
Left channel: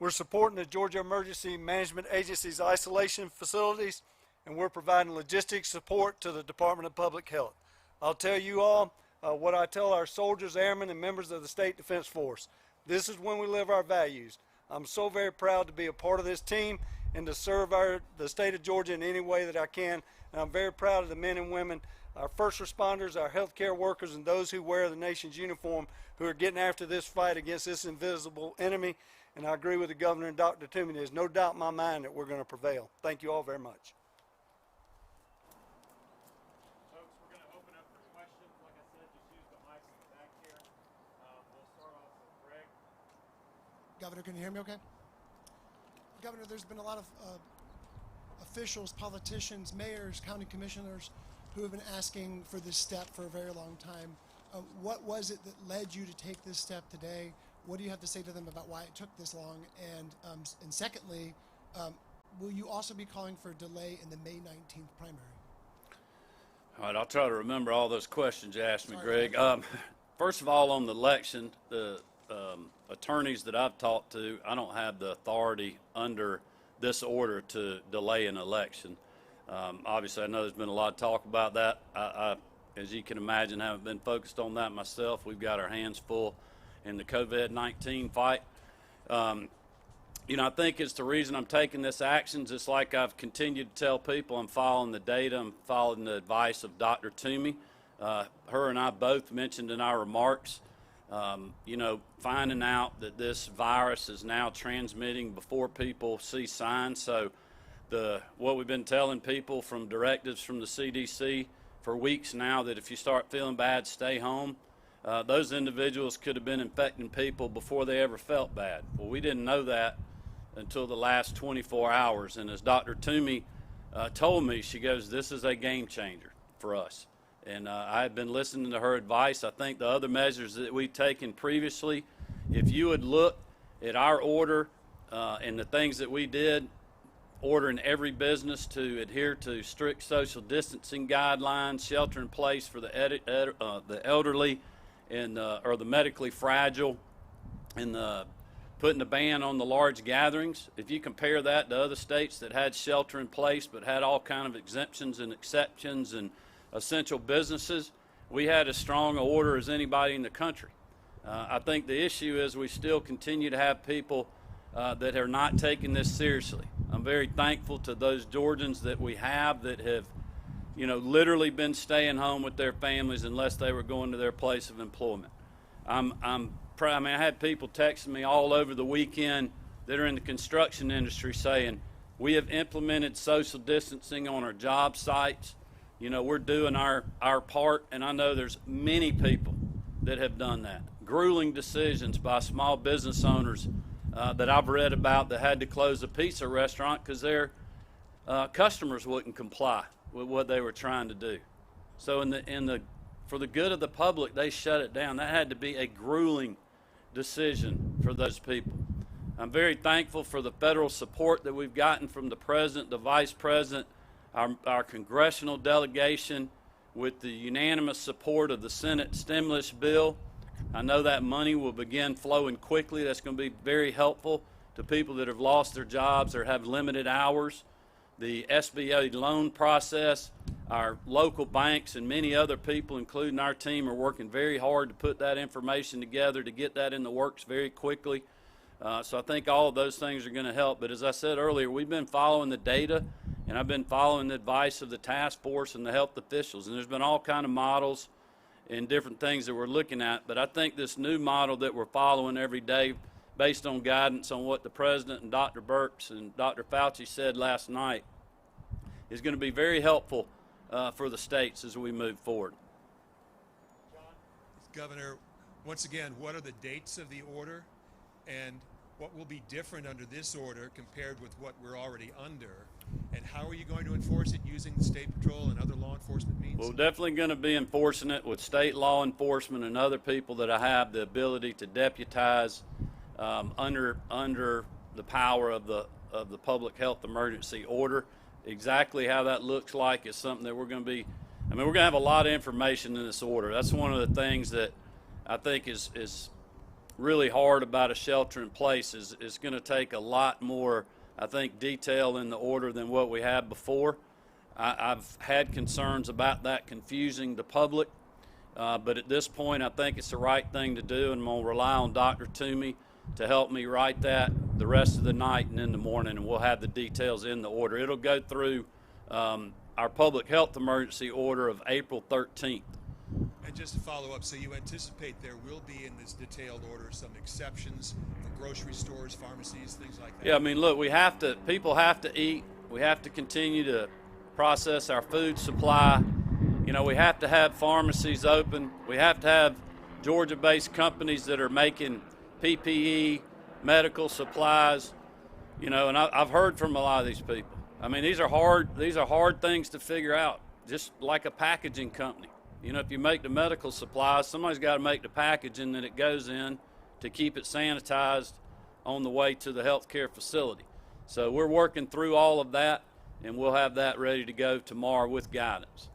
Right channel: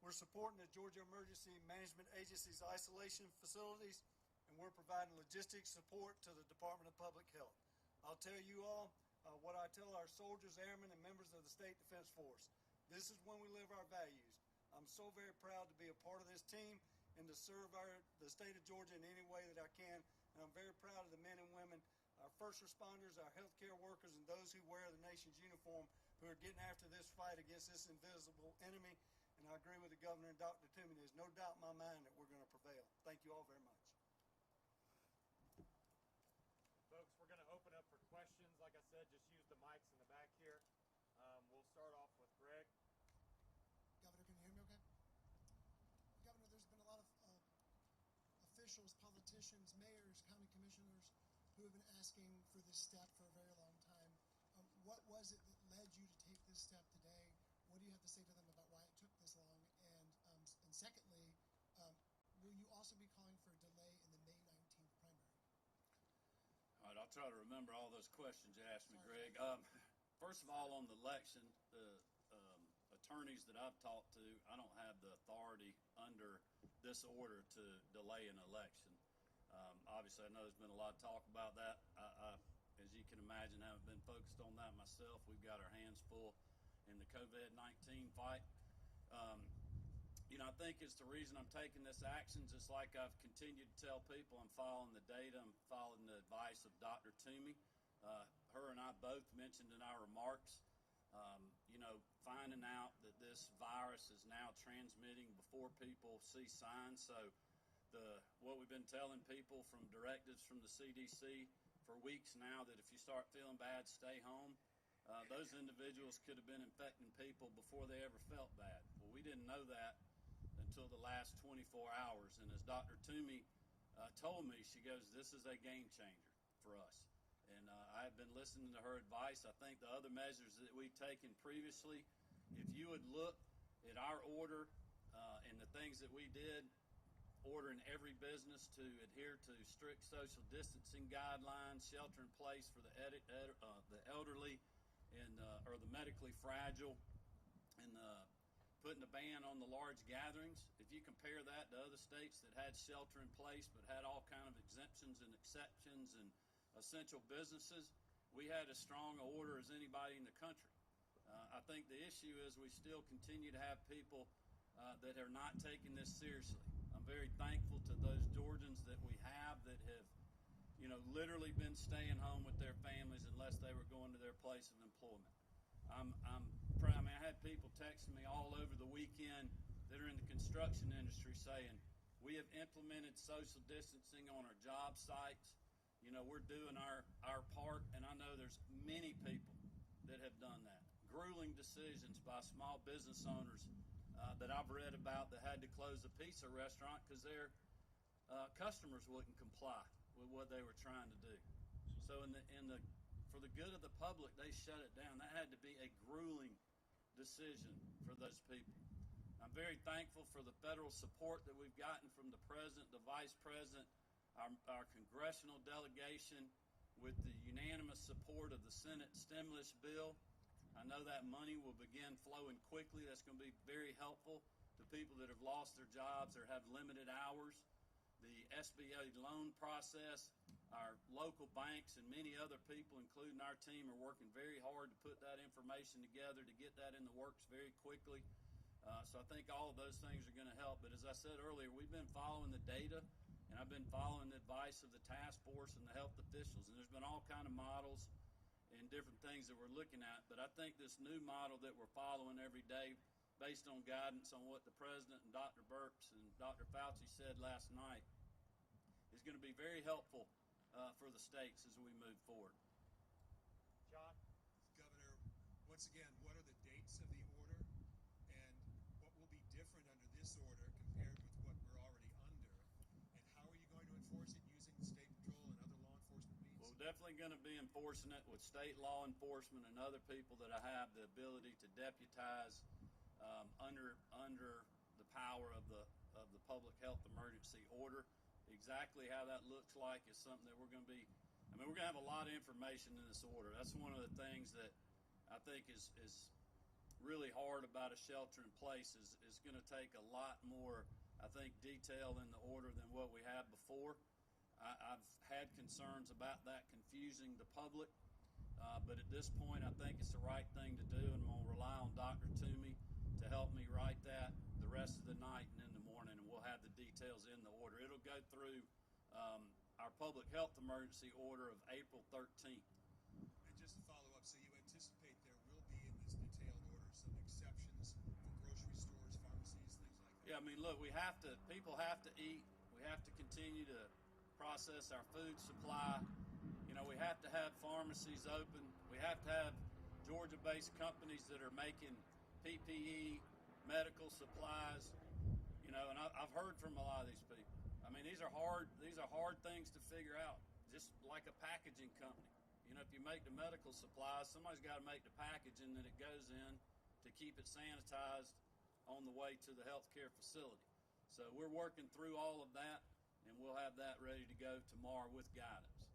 We're supporting the Georgia Emergency Management Agency's isolation facilities, and we're providing logistics support to the Department of Public Health. I'll tell you all what I tell our soldiers, airmen, and members of the State Defense Force. This is when we live our values. I'm so very proud to be a part of this team and to serve the state of Georgia in any way that I can. And I'm very proud of the men and women, our first responders, our healthcare workers, and those who wear the nation's uniform who are getting after this fight against this invisible enemy. And I agree with the Governor and Dr. Toomey. There's no doubt in my mind that we're going to prevail. Thank you all very much. Folks, we're going to open up for questions. Like I said, just use the mics in the back here. We'll start off with Greg. Governor, can you hear me okay? Governor, there's been a lot of officials, politicians, mayors, county commissioners who have been asking for this step for a very long time. What was it that led you to take this step today? What do you have to say to them about why it took this long? And secondly, will you also be calling for a delay in the May 19th primary? All right, I'll try to remember all those questions you asked me, Greg. First of all, on the election, the attorneys that I've talked to, I don't have the authority under this order to delay an election. Obviously, I know there's been a lot of talk about that. I, as you can imagine, haven't been focused on that myself. We've got our hands full in the COVID-19 fight. You know, I think it's the reason I'm taking this action. Just like I've continued to tell people, I'm following the data, I'm following the advice of Dr. Toomey. Her and I both mentioned in our remarks, you know, finding out that this virus is now transmitting before people see signs. So what we've been telling people from directives from the CDC for weeks now, that if you start feeling bad, stay home. Those individuals could have been infecting people before they ever felt bad. Well, we didn't know that until the last 24 hours. And as Dr. Toomey told me, she goes, this is a game changer for us. And I've been listening to her advice. I think the other measures that we've taken previously, if you would look at our order and the things that we did, ordering every business to adhere to strict social distancing guidelines, shelter in place for the elderly and or the medically fragile, and putting a ban on the large gatherings. If you compare that to other states that had shelter in place but had all kind of exemptions and exceptions and essential businesses, we had as strong an order as anybody in the country. I think the issue is we still continue to have people that are not taking this seriously. I'm very thankful to those Georgians that we have that have, literally been staying home with their families unless they were going to their place of employment. I had people texting me all over the weekend that are in the construction industry saying, we have implemented social distancing on our job sites. We're doing our part, and I know there's many people that have done that. Grueling decisions by small business owners that I've read about that had to close a pizza restaurant because their customers wouldn't comply with what they were trying to do. So for the good of the public, they shut it down. That had to be a grueling decision for those people. I'm very thankful for the federal support that we've gotten from the President, the Vice President, our congressional delegation, with the unanimous support of the Senate stimulus bill. I know that money will begin flowing quickly. That's going to be very helpful to people that have lost their jobs or have limited hours. The SBA loan process, our local banks and many other people, including our team, are working very hard to put that information together to get that in the works very quickly. So I think all of those things are going to help. But as I said earlier, we've been following the data, and I've been following the advice of the task force and the health officials. And there's been all kind of models and different things that we're looking at. But I think this new model that we're following every day, based on guidance on what the President and Dr. Birx and Dr. Fauci said last night, is going to be very helpful for the states as we move forward. Governor, once again, what are the dates of the order, and what will be different under this order compared with what we're already under, and how are you going to enforce it using the State Patrol and other law enforcement means? We're definitely going to be enforcing it with state law enforcement and other people that have the ability to deputize under the power of the public health emergency order. Exactly how that looks like is something that we're going to be, we're going to have a lot of information in this order. That's one of the things that I think is really hard about a shelter in place is it's going to take a lot more, I think, detail in the order than what we had before. I've had concerns about that confusing the public, but at this point I think it's the right thing to do, and I'm going to rely on Dr. Toomey to help me write that the rest of the night and in the morning, and we'll have the details in the order. It'll go through our public health emergency order of April 13th. And just to follow up, so you anticipate there will be in this detailed order some exceptions for grocery stores, pharmacies, things like that? Yeah, look, people have to eat. We have to continue to process our food supply. We have to have pharmacies open. We have to have Georgia-based companies that are making PPE, medical supplies, and I've heard from a lot of these people. These are hard things to figure out, just like a packaging company. If you make the medical supplies, somebody's got to make the packaging that it goes in to keep it sanitized on the way to the healthcare facility. So we're working through all of that, and we'll have that ready to go tomorrow with guidance.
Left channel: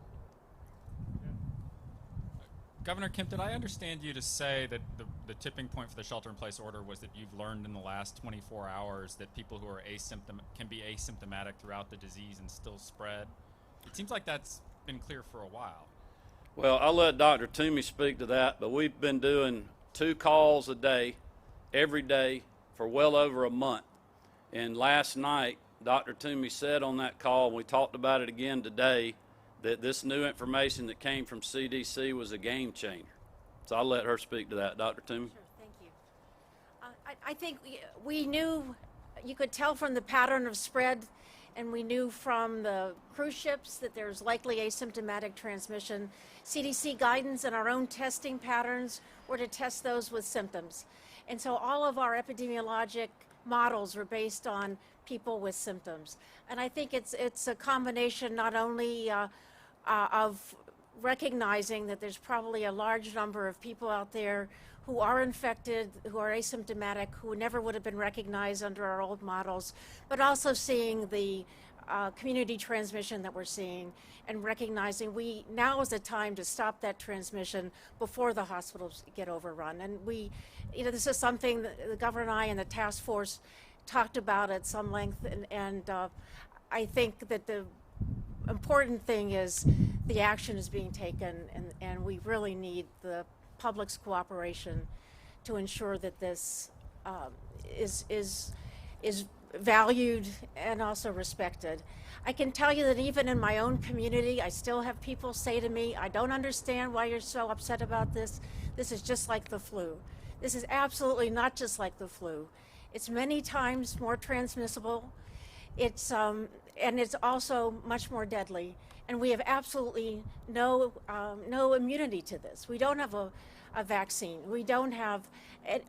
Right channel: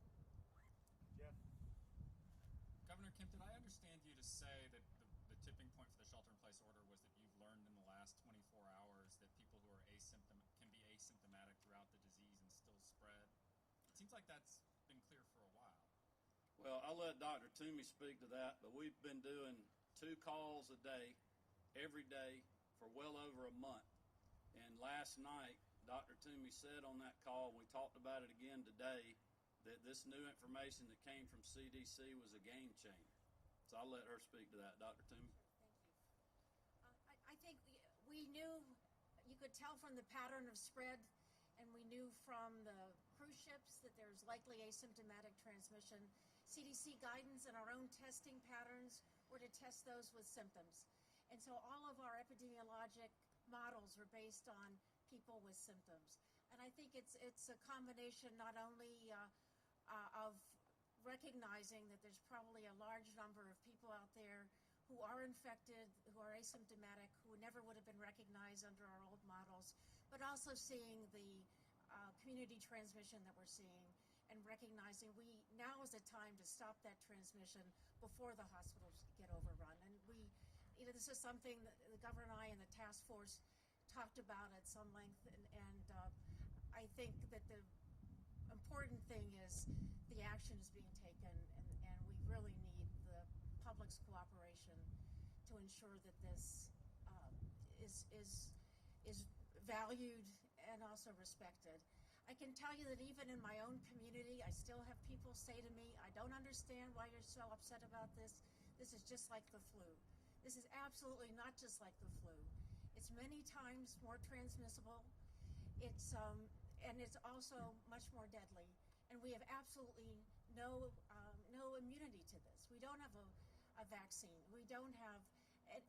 Governor Kemp, did I understand you to say that the tipping point for the shelter-in-place order was that you've learned in the last 24 hours that people who are can be asymptomatic throughout the disease and still spread? It seems like that's been clear for a while. Well, I'll let Dr. Toomey speak to that, but we've been doing 2 calls a day, every day, for well over a month. And last night, Dr. Toomey said on that call, and we talked about it again today, that this new information that came from CDC was a game changer. So I'll let her speak to that. Dr. Toomey? Sure, thank you. I think we knew, you could tell from the pattern of spread, and we knew from the cruise ships that there's likely asymptomatic transmission. CDC guidance and our own testing patterns were to test those with symptoms. And so all of our epidemiologic models were based on people with symptoms. And I think it's a combination not only of recognizing that there's probably a large number of people out there who are infected, who are asymptomatic, who never would have been recognized under our old models, but also seeing the community transmission that we're seeing and recognizing now is the time to stop that transmission before the hospitals get overrun. And this is something that the governor and I and the task force talked about at some length, and I think that the important thing is the action is being taken, and we really need the public's cooperation to ensure that this is valued and also respected. I can tell you that even in my own community, I still have people say to me, I don't understand why you're so upset about this. This is just like the flu. This is absolutely not just like the flu. It's many times more transmissible. It's and it's also much more deadly. And we have absolutely no immunity to this. We don't have a vaccine. We don't have,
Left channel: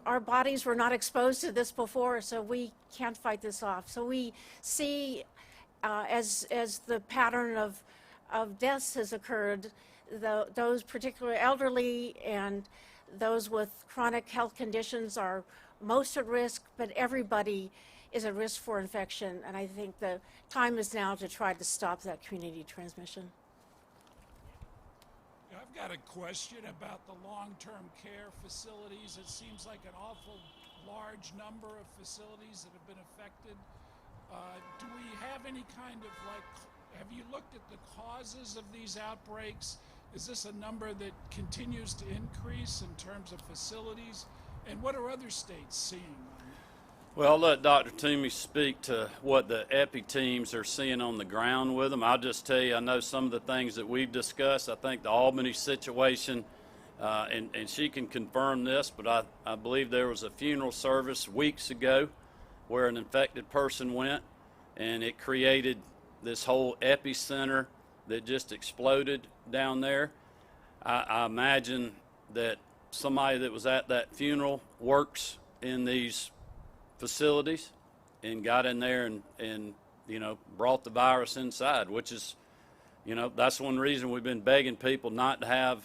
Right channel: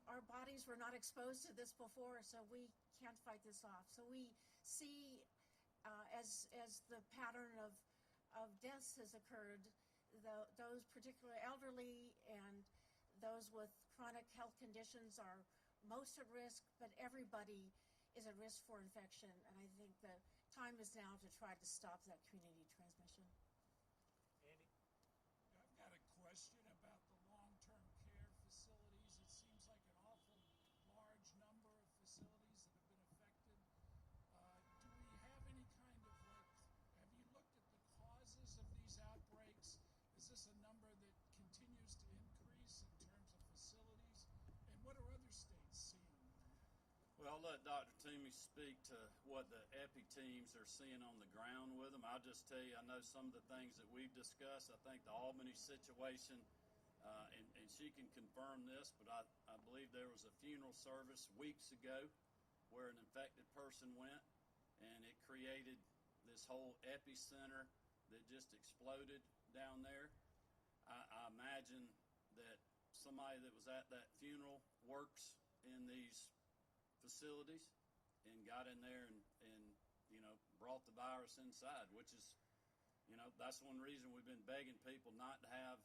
our bodies were not exposed to this before, so we can't fight this off. So we see, as the pattern of deaths has occurred, those particularly elderly and those with chronic health conditions are most at risk, but everybody is at risk for infection, and I think the time is now to try to stop that community transmission. I've got a question about the long-term care facilities. It seems like an awful large number of facilities that have been affected. Do we have any kind of have you looked at the causes of these outbreaks? Is this a number that continues to increase in terms of facilities? And what are other states seeing? Well, I'll let Dr. Toomey speak to what the epi teams are seeing on the ground with them. I'll just tell you, I know some of the things that we've discussed. I think the Albany situation, and she can confirm this, but I believe there was a funeral service weeks ago where an infected person went, and it created this whole epicenter that just exploded down there. I imagine that somebody that was at that funeral works in these facilities and got in there and brought the virus inside, which is, that's one reason we've been begging people not to have,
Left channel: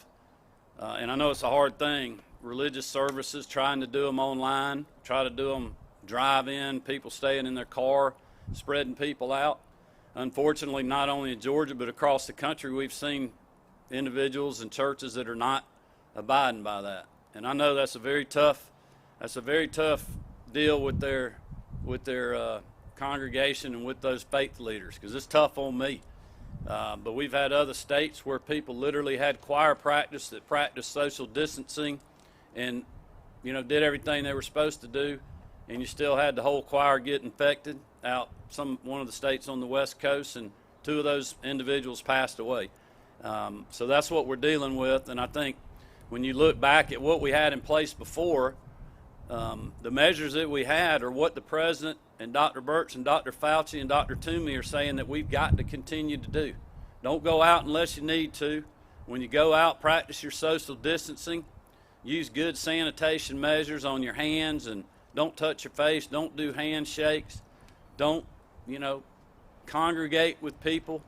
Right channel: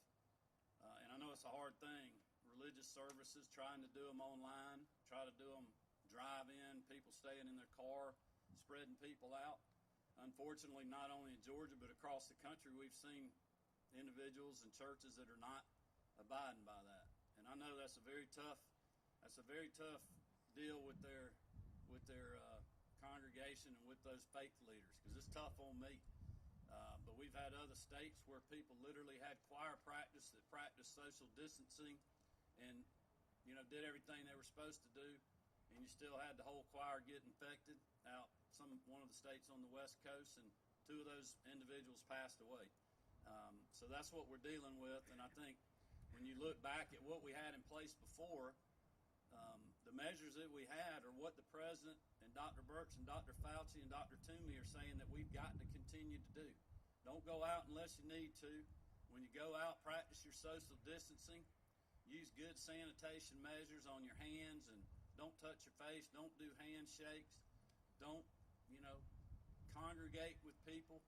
and I know it's a hard thing, religious services, trying to do them online, try to do them drive-in, people staying in their car, spreading people out. Unfortunately, not only in Georgia, but across the country, we've seen individuals and churches that are not abiding by that. And I know that's a very tough deal with their congregation and with those faith leaders, because it's tough on me. But we've had other states where people literally had choir practice that practiced social distancing and did everything they were supposed to do, and you still had the whole choir get infected out one of the states on the West Coast, and 2 of those individuals passed away. So that's what we're dealing with, and I think when you look back at what we had in place before, the measures that we had are what the President and Dr. Birx and Dr. Fauci and Dr. Toomey are saying that we've got to continue to do. Don't go out unless you need to. When you go out, practice your social distancing. Use good sanitation measures on your hands, and don't touch your face. Don't do handshakes. Don't, congregate with people.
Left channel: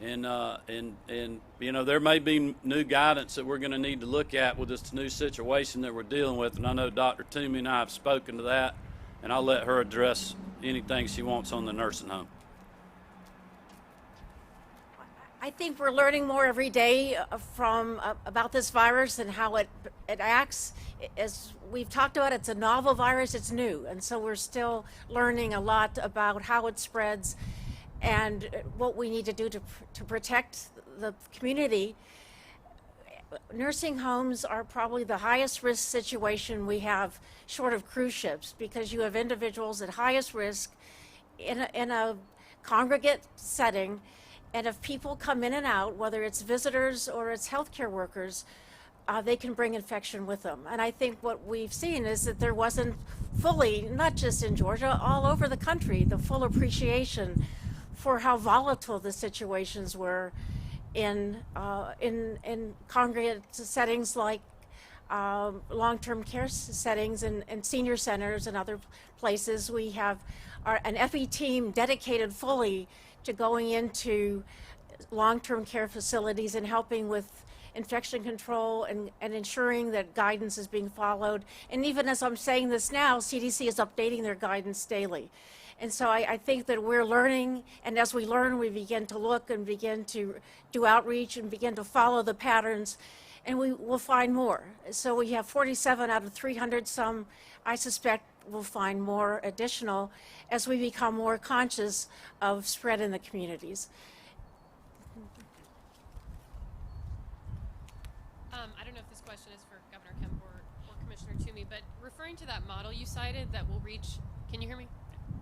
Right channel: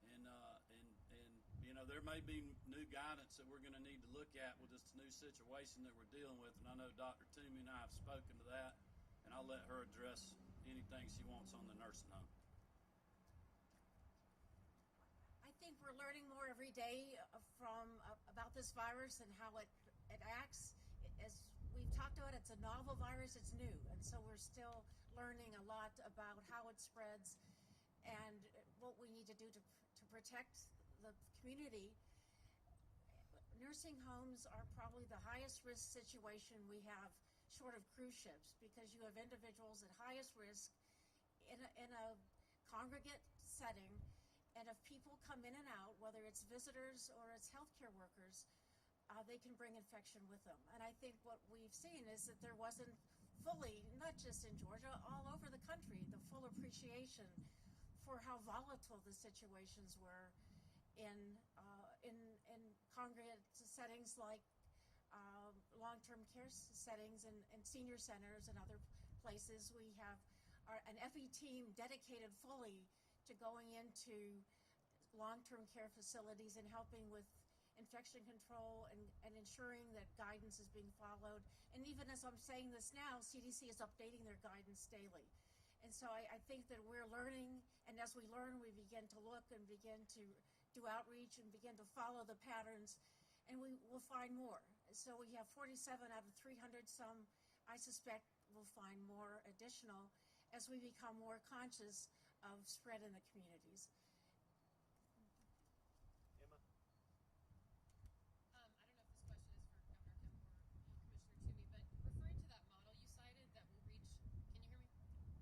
And there may be new guidance that we're going to need to look at with this new situation that we're dealing with. And I know Dr. Toomey and I have spoken to that, and I'll let her address anything she wants on the nursing home. I think we're learning more every day about this virus and how it acts. As we've talked about, it's a novel virus, it's new, and so we're still learning a lot about how it spreads and what we need to do to protect the community. Nursing homes are probably the highest risk situation we have, short of cruise ships, because you have individuals at highest risk in a congregate setting, and if people come in and out, whether it's visitors or it's healthcare workers, they can bring infection with them. And I think what we've seen is that there wasn't fully, not just in Georgia, all over the country, the full appreciation for how volatile the situations were in congregate settings like long-term care settings and senior centers and other places. We have an FE team dedicated fully to going into long-term care facilities and helping with infection control and ensuring that guidance is being followed. And even as I'm saying this now, CDC is updating their guidance daily. And so I think that we're learning, and as we learn, we begin to look and begin to do outreach and begin to follow the patterns, and we will find more. So we have 47 out of 300 some. I suspect we'll find more additional as we become more conscious of spread in the communities. I don't know if this question is for Governor Kemp or Commissioner Toomey, but referring to that model you cited that will reach, can you hear me?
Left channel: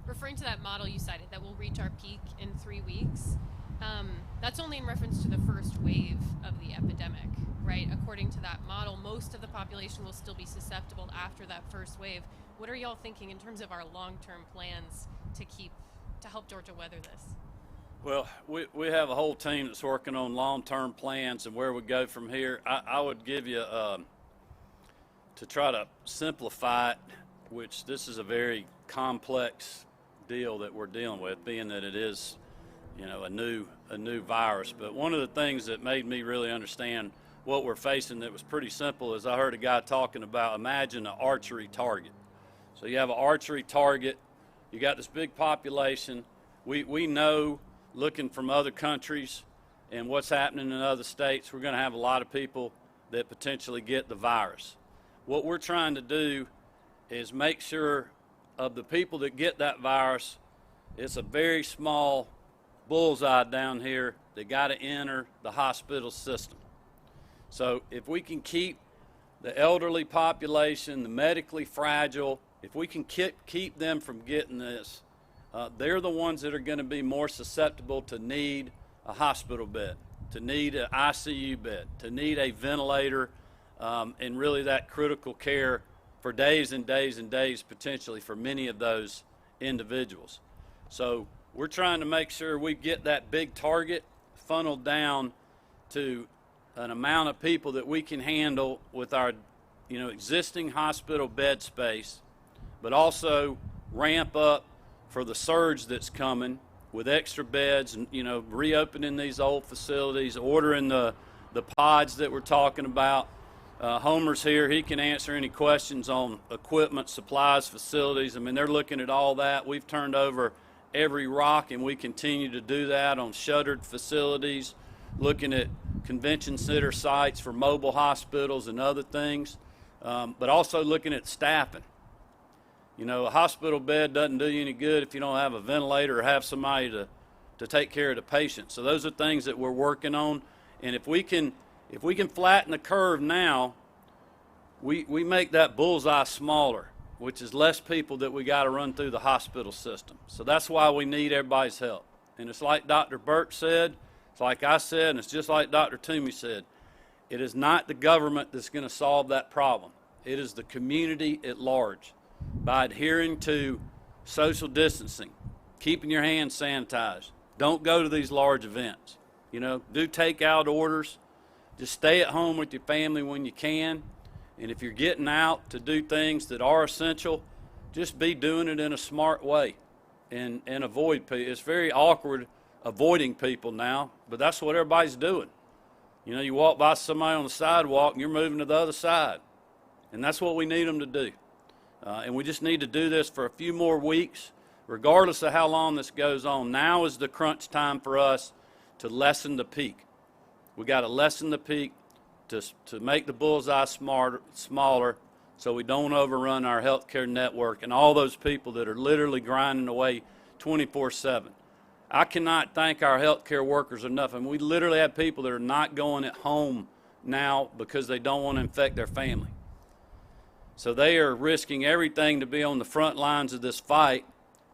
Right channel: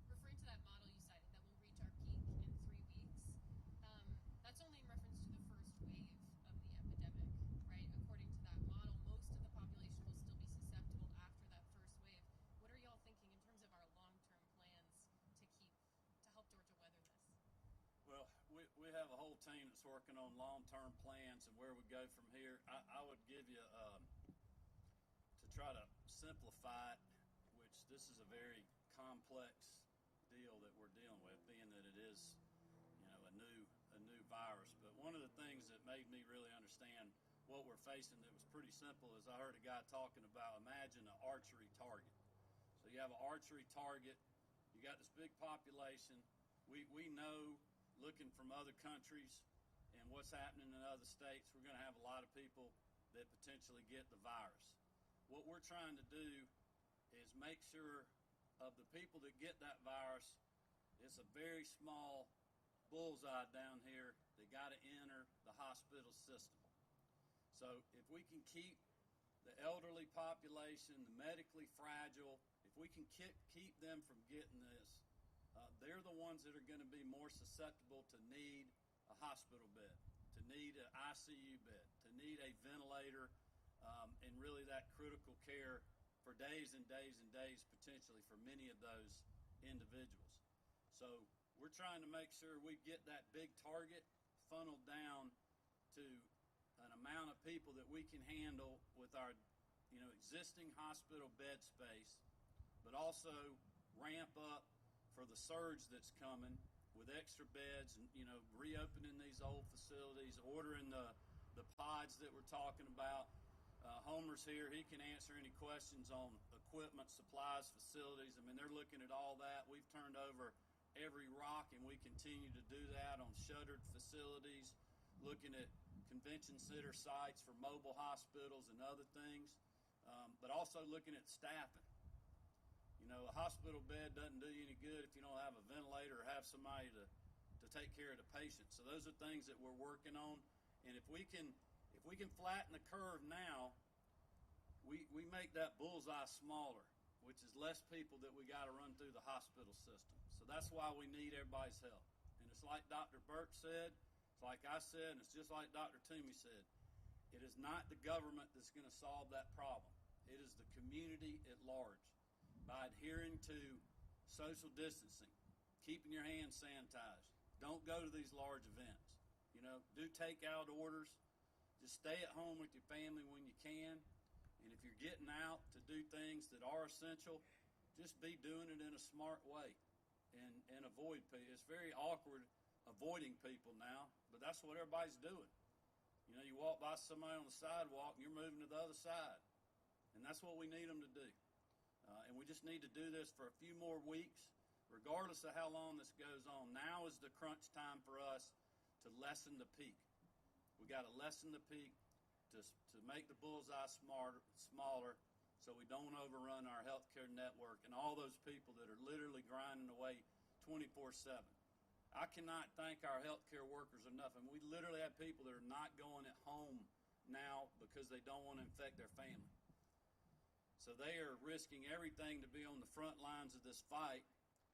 Referring to that model you cited that will reach our peak in 3 weeks, that's only in reference to the first wave of the epidemic, right? According to that model, most of the population will still be susceptible after that first wave. What are y'all thinking in terms of our long-term plans to help Georgia weather this? Well, we have a whole team that's working on long-term plans and where we go from here. I would give you, to try to simplify it, which this is a very complex deal that we're dealing with, being that it is, a new virus. But one of the things that made me really understand what we're facing that was pretty simple is I heard a guy talking about, imagine an archery target. So you have an archery target, you got this big population. We know, looking from other countries and what's happening in other states, we're going to have a lot of people that potentially get the virus. What we're trying to do is make sure of the people that get that virus, it's a very small bullseye down here that got to enter the hospital system. So if we can keep the elderly population, the medically fragile, if we can keep them from getting this, they're the ones that are going to be more susceptible to need a hospital bed, to need an ICU bed, to need a ventilator, and really that critical care for days and days and days potentially for many of those individuals. So we're trying to make sure we get that big target funneled down to an amount of people that we can handle with our existing hospital bed space, but also ramp up for the surge that's coming with extra beds and reopening these old facilities, ordering the pods that we're talking about. Homer's here. He can answer any questions on equipment, supplies, facilities. I mean, they're looking at all that. We've turned over every rock, and we continue to do that on shuttered facilities, looking at convention center sites for mobile hospitals and other things, but also looking at staffing. A hospital bed doesn't do you any good if you don't have a ventilator or have somebody to take care of the patient. So those are things that we're working on, and if we can flatten the curve now, we make that bullseye smaller, which is less people that we got to run through the hospital system. So that's why we need everybody's help. And it's like Dr. Burke said, it's like I said, and it's just like Dr. Toomey said. It is not the government that's going to solve that problem. It is the community at large. By adhering to social distancing, keeping your hands sanitized, don't go to these large events. Do takeout orders. Just stay at home with your family when you can. And if you're getting out to do things that are essential, just be doing it in a smart way and avoid people. It's very awkward avoiding people now, but that's what everybody's doing. You walk by somebody on the sidewalk and you're moving to the other side. And that's what we need them to do. And we just need to do this for a few more weeks, regardless of how long this goes on. Now is the crunch time for us to lessen the peak. We got to lessen the peak to make the bullseye smaller so we don't overrun our healthcare network and all those people that are literally grinding away 24/7. I cannot thank our healthcare workers enough. And we literally have people that are not going at home now because they don't want to infect their family. So they are risking everything to be on the front lines of this fight,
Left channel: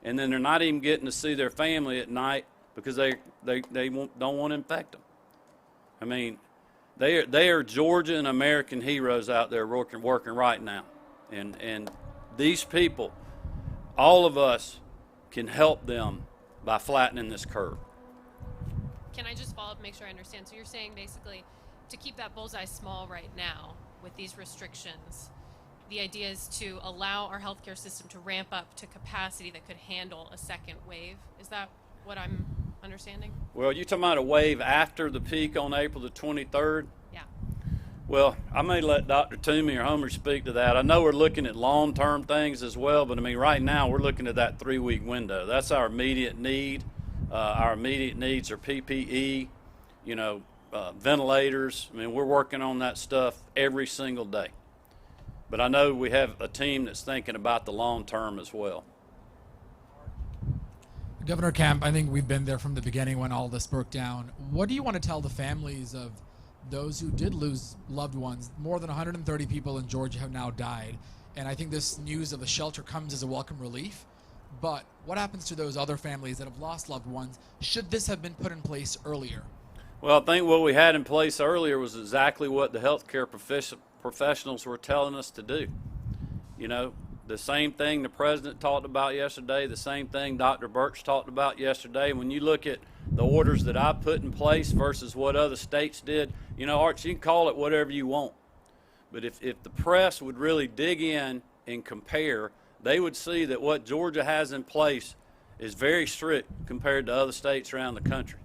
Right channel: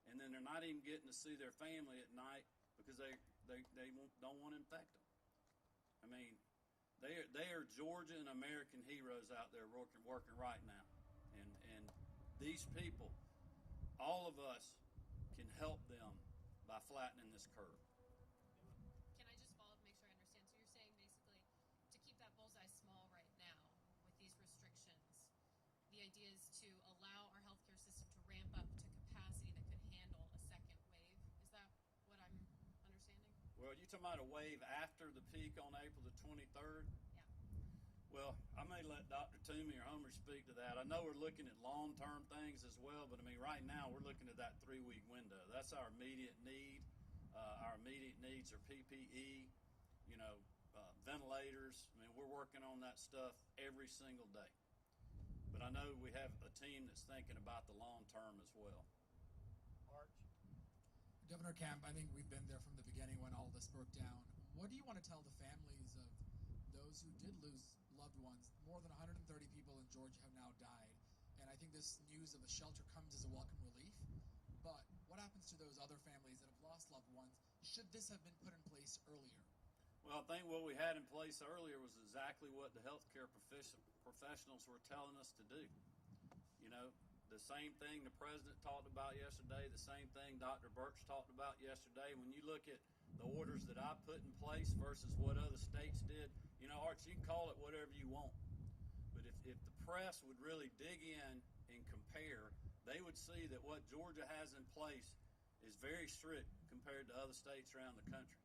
and then they're not even getting to see their family at night because they don't want to infect them. I mean, they are Georgia and American heroes out there working right now. And these people, all of us can help them by flattening this curve. Can I just follow up and make sure I understand? So you're saying basically to keep that bullseye small right now with these restrictions, the idea is to allow our healthcare system to ramp up to capacity that could handle a second wave. Is that what I'm understanding? Well, you're talking about a wave after the peak on April the 23rd? Yeah. Well, I may let Dr. Toomey or Homer speak to that. I know we're looking at long-term things as well, but I mean, right now we're looking at that 3-week window. That's our immediate need. Our immediate needs are PPE, ventilators. I mean, we're working on that stuff every single day. But I know we have a team that's thinking about the long term as well. Governor Kemp, I think we've been there from the beginning when all this broke down. What do you want to tell the families of those who did lose loved ones? More than 130 people in Georgia have now died. And I think this news of the shelter comes as a welcome relief. But what happens to those other families that have lost loved ones? Should this have been put in place earlier? Well, I think what we had in place earlier was exactly what the healthcare professionals were telling us to do. The same thing the president talked about yesterday, the same thing Dr. Birch talked about yesterday. When you look at the orders that I put in place versus what other states did, Arch, you can call it whatever you want. But if the press would really dig in and compare, they would see that what Georgia has in place is very strict compared to other states around the country.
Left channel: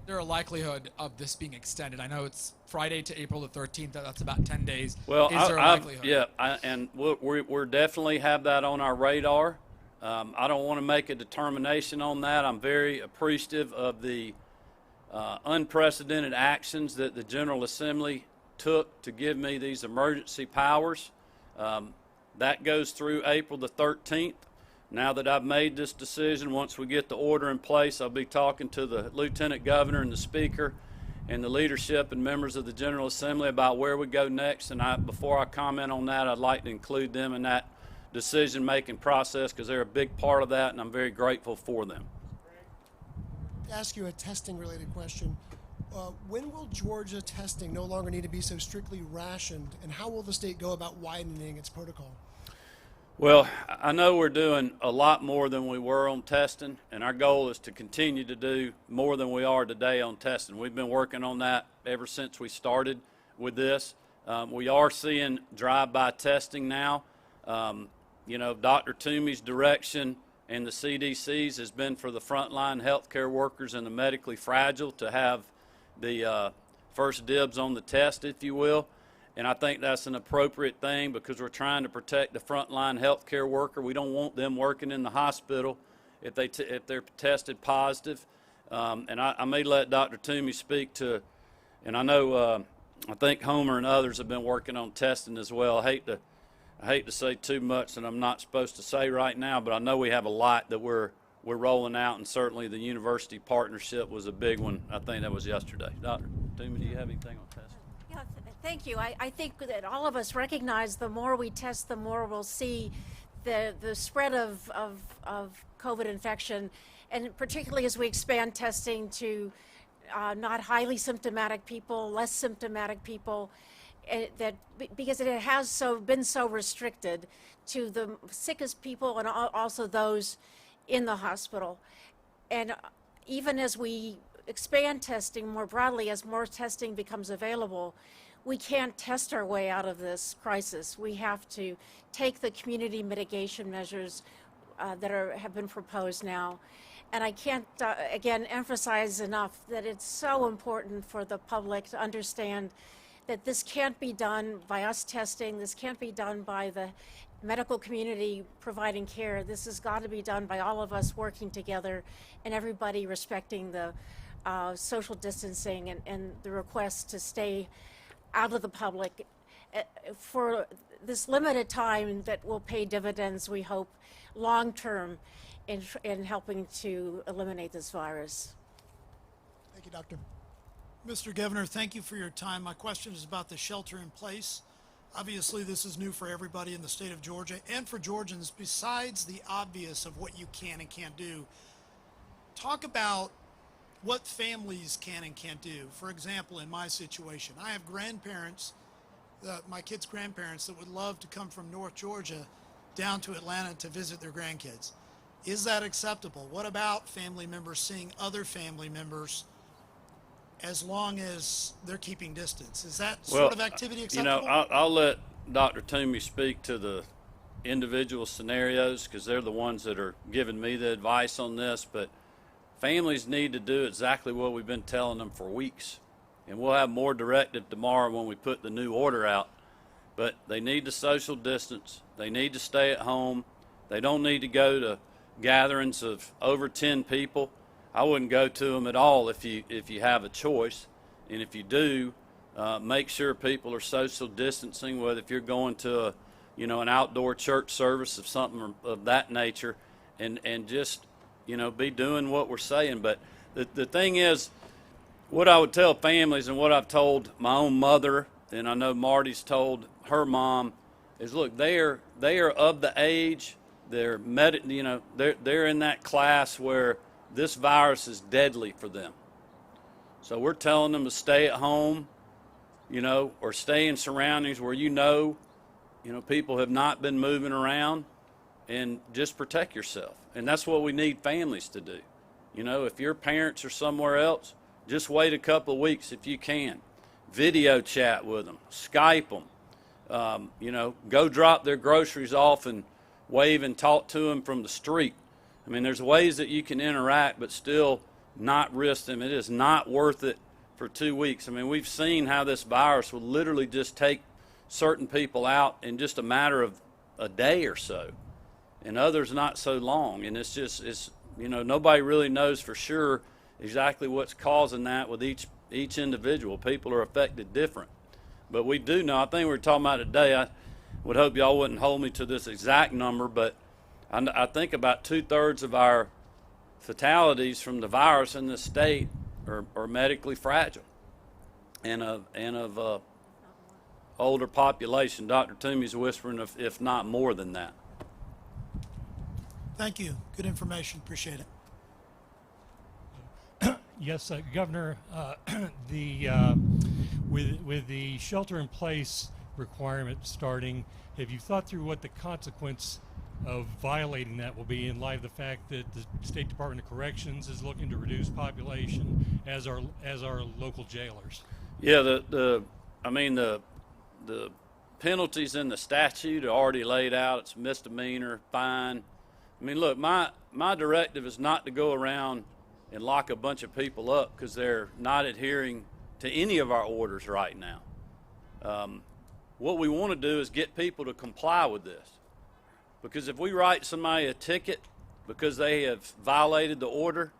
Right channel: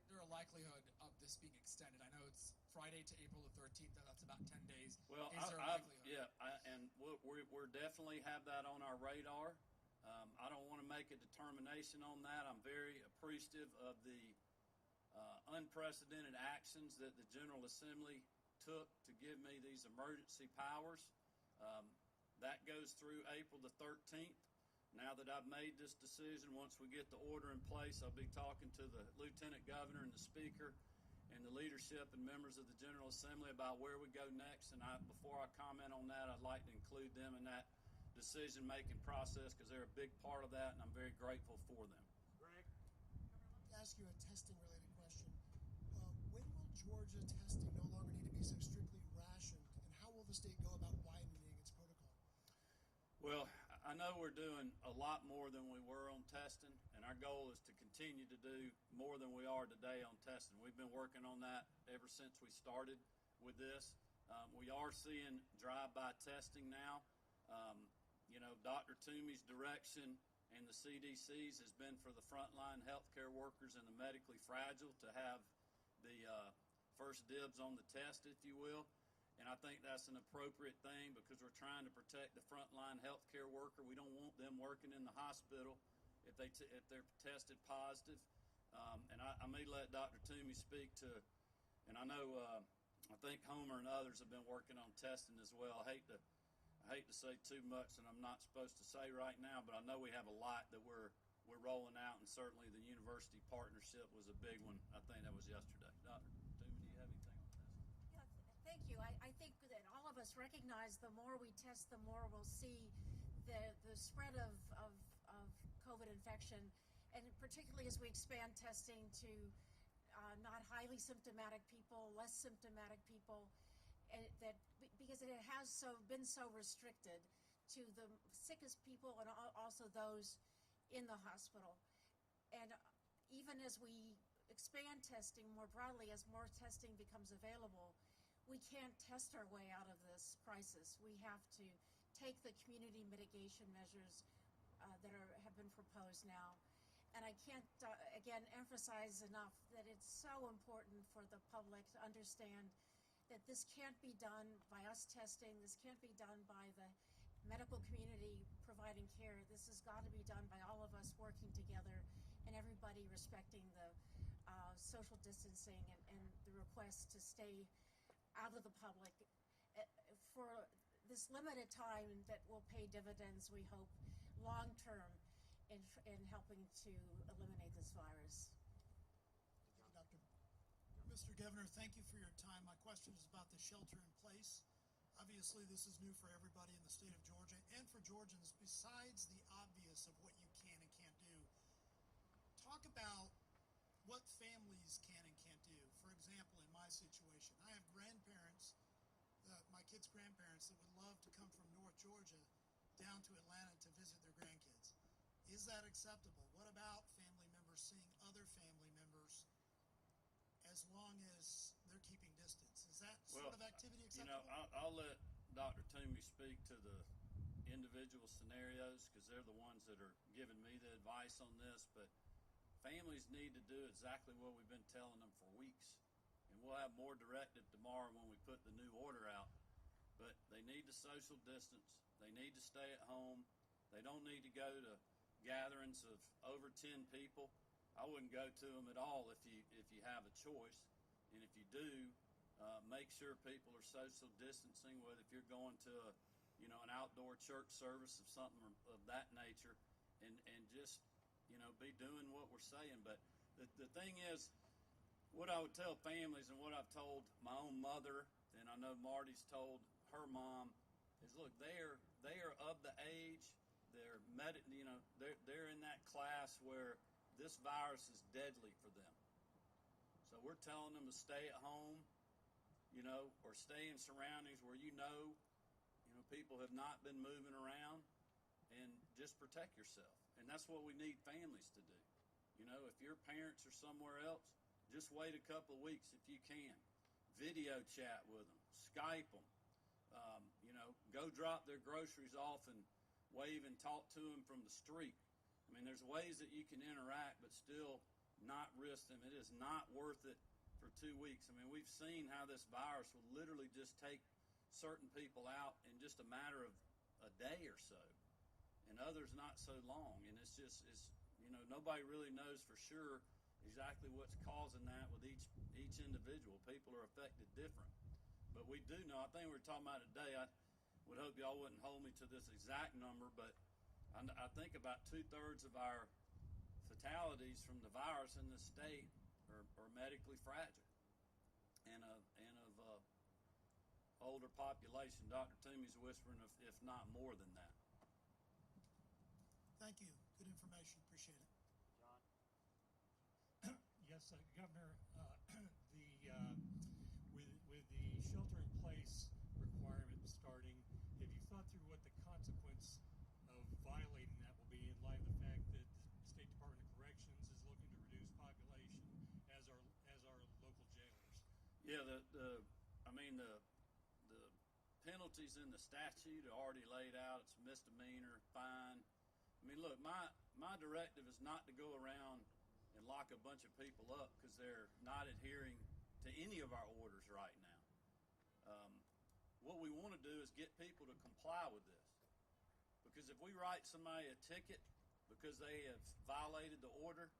Is there a likelihood of this being extended? I know it's Friday to April the 13th. That's about 10 days. Well, is there a likelihood? Yeah, we're definitely have that on our radar. I don't want to make a determination on that. I'm very appreciative of the unprecedented actions that the General Assembly took to give me these emergency powers. That goes through April the 13th. Now that I've made this decision, once we get the order in place, I'll be talking to the Lieutenant Governor and the Speaker and the leadership and members of the General Assembly about where we go next. And before I comment on that, I'd like to include them in that decision-making process because they're a big part of that, and I'm very grateful for them. To ask you a testing-related question, when will Georgia testing no longer need to be so strictly rationed, and how will the state go about widening its protocol? Well, I know we're doing a lot more than we were on testing, and our goal is to continue to do more than we are today on testing. We've been working on that ever since we started with this. We are seeing drive-by testing now. Dr. Toomey's direction and the CDC's has been for the frontline healthcare workers and the medically fragile to have the first dibs on the test, if you will. And I think that's an appropriate thing because we're trying to protect the frontline healthcare worker. We don't want them working in the hospital if they're tested positive. And I may let Dr. Toomey speak to, and I know I think Homer and others have been working on testing as well. I hate to say too much that I'm not supposed to say right now, but I know we have a lot that we're rolling out, and certainly the university partnership was a big one. I think that was yesterday. Dr. Toomey, do you have anything on testing? Yeah, thank you. I think that all of us recognize the more we test, the more we'll see the spread of COVID infection, and particularly as we expand testing to not highly symptomatic people, less symptomatic people, because it has been so restricted to the sickest people and also those in the hospital. And even as we expand testing more broadly, as more testing becomes available, we can't test our way out of this crisis. We have to take the community mitigation measures that have been proposed now. And I can't, again, emphasize enough that it's so important for the public to understand that this can't be done by us testing. This can't be done by the medical community providing care. This has got to be done by all of us working together and everybody respecting the social distancing and the request to stay out of the public for this limited time that will pay dividends, we hope, long term in helping to eliminate this virus. Thank you, Doctor. Mr. Governor, thank you for your time. My question is about the shelter in place. Obviously, this is new for everybody in the state of Georgia and for Georgians. Besides the obvious of what you can and can't do, talk about what families can and can't do. For example, in my situation, I have grandparents, my kids' grandparents, that would love to come from North Georgia down to Atlanta to visit their grandkids. Is that acceptable? What about family members seeing other family members as long as they're keeping distance? Is that sort of activity acceptable? I'll let Dr. Toomey speak to the individual scenarios because they're the ones that are giving me the advice on this, but families need to do exactly what we've been telling them for weeks, and we'll have more directive tomorrow when we put the new order out. But they need to social distance. They need to stay at home. They don't need to go to gatherings of over 10 people. I wouldn't go to them at all if you have a choice. And if you do, make sure people are social distancing, whether if you're going to a, an outdoor church service of something of that nature, and just, be doing what we're saying. But the thing is, what I would tell families and what I've told my own mother, and I know Marty's told her mom, is look, they are of the age, they're in that class where this virus is deadly for them. So we're telling them to stay at home, or stay in surroundings where people have not been moving around, and just protect yourself. And that's what we need families to do. If your parents are somewhere else, just wait a couple of weeks if you can. Video chat with them, Skype them, go drop their groceries off and wave and talk to them from the street. I mean, there's ways that you can interact but still not risk them. It is not worth it for 2 weeks. I mean, we've seen how this virus will literally just take certain people out in just a matter of a day or so, and others not so long. And it's nobody really knows for sure exactly what's causing that with each individual. People are affected different. But we do know, I think we were talking about today, I would hope y'all wouldn't hold me to this exact number, but I think about 2/3 of our fatalities from the virus in this state are medically fragile and of older population. Dr. Toomey's whispering if not more than that. Thank you. Good information. Appreciate it. Yes, Governor, with the shelter-in-place requirement starting, have you thought through what the consequence of violating that will be in light of the fact that the State Department of Corrections is looking to reduce population as are local jailers? Yeah, the penalties in the statute are already laid out. It's misdemeanor, fine. I mean, look, my directive is not to go around and lock a bunch of people up because they're not adhering to any of our orders right now. What we want to do is get people to comply with this. Because if we write somebody a ticket because they have violated the order,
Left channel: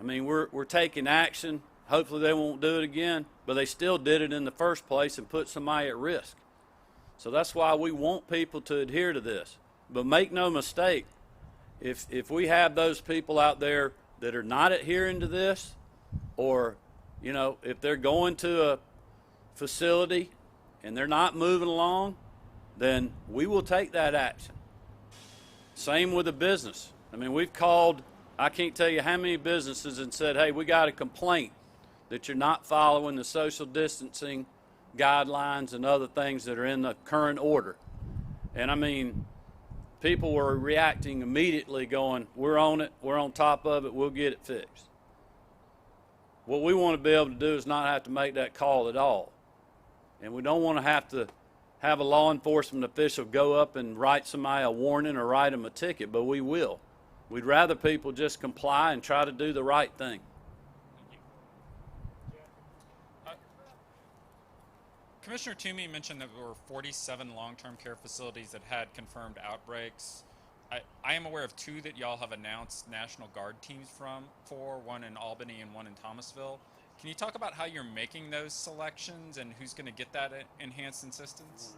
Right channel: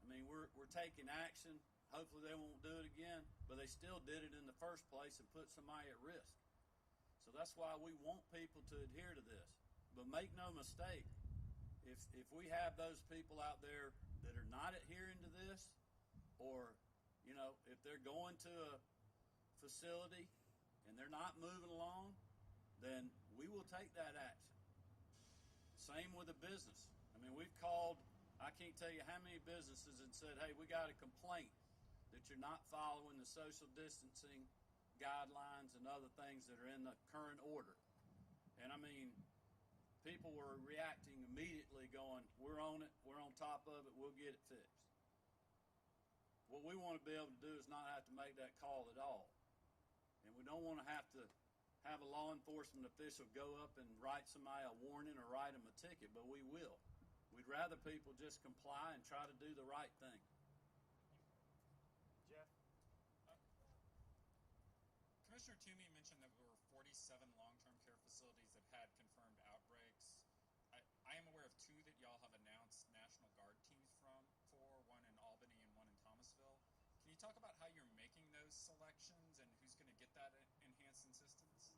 I mean, we're taking action. Hopefully they won't do it again, but they still did it in the first place and put somebody at risk. So that's why we want people to adhere to this. But make no mistake, if we have those people out there that are not adhering to this, or, if they're going to a facility and they're not moving along, then we will take that action. Same with a business. I mean, we've called, I can't tell you how many businesses and said, hey, we got a complaint that you're not following the social distancing guidelines and other things that are in the current order. And I mean, people were reacting immediately going, we're on it, we're on top of it, we'll get it fixed. What we want to be able to do is not have to make that call at all. And we don't want to have a law enforcement official go up and write somebody a warning or write them a ticket, but we will. We'd rather people just comply and try to do the right thing. Commissioner Toomey mentioned that there were 47 long-term care facilities that had confirmed outbreaks. I am aware of 2 that y'all have announced National Guard teams for, one in Albany and one in Thomasville. Can you talk about how you're making those selections and who's going to get that enhanced assistance?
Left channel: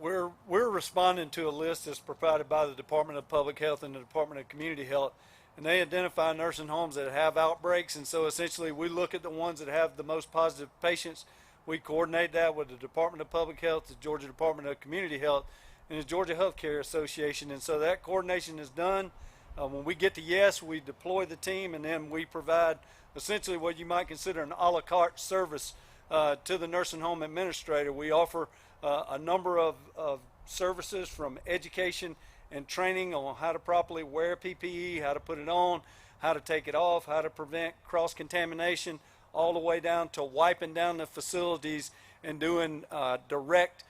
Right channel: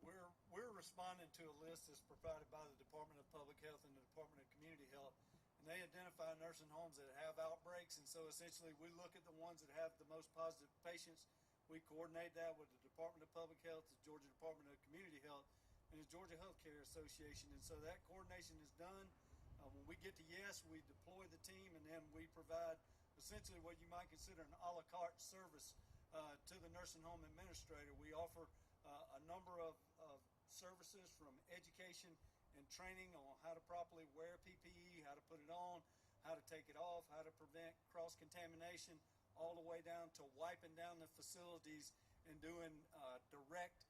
We're responding to a list that's provided by the Department of Public Health and the Department of Community Health, and they identify nursing homes that have outbreaks. And so essentially we look at the ones that have the most positive patients. We coordinate that with the Department of Public Health, the Georgia Department of Community Health, and the Georgia Healthcare Association. And so that coordination is done. When we get to yes, we deploy the team, and then we provide essentially what you might consider an a la carte service to the nursing home administrator. We offer a number of services, from education and training on how to properly wear PPE, how to put it on, how to take it off, how to prevent cross-contamination, all the way down to wiping down the facilities and doing direct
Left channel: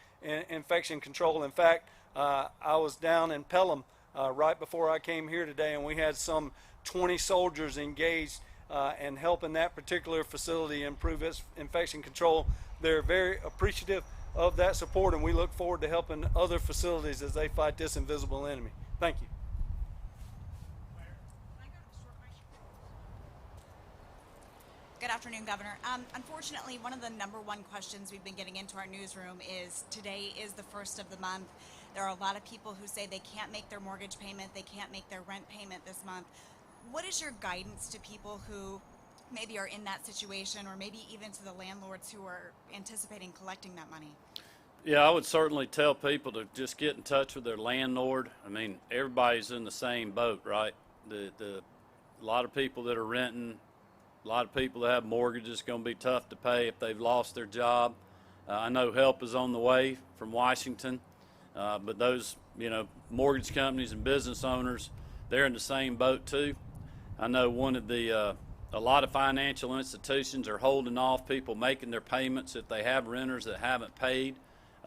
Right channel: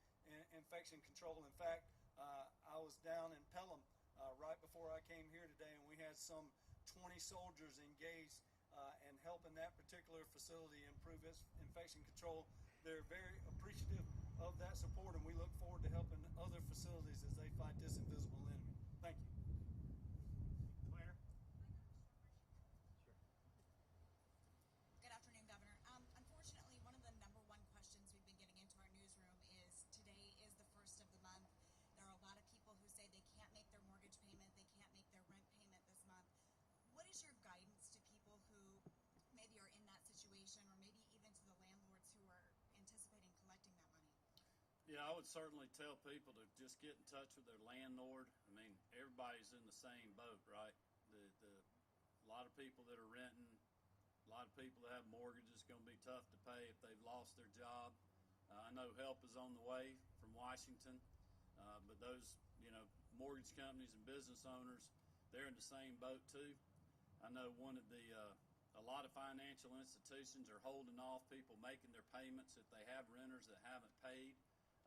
infection control. In fact, I was down in Pelham right before I came here today, and we had some 20 soldiers engaged and helping that particular facility improve its infection control. They're very appreciative of that support, and we look forward to helping other facilities as they fight this invisible enemy. Thank you. Good afternoon, Governor. Unfortunately, one of the #1 questions we've been getting into our newsroom is today is the first of the month. There are a lot of people who say they can't make their mortgage payment, they can't make their rent payment this month. What is your guidance to people who maybe are in that situation, or maybe even to the landlords who are anticipating collecting that money? Yeah, I would certainly tell people to just get in touch with their landlord. I mean, everybody's in the same boat, right? A lot of people that are renting, a lot of people that have mortgages, going to be tough to pay if they've lost their job. I know help is on the way from Washington, but those, mortgage companies and business owners, they're in the same boat too. I know a lot of financial institutions are holding off people making their payments if they have renters that haven't paid.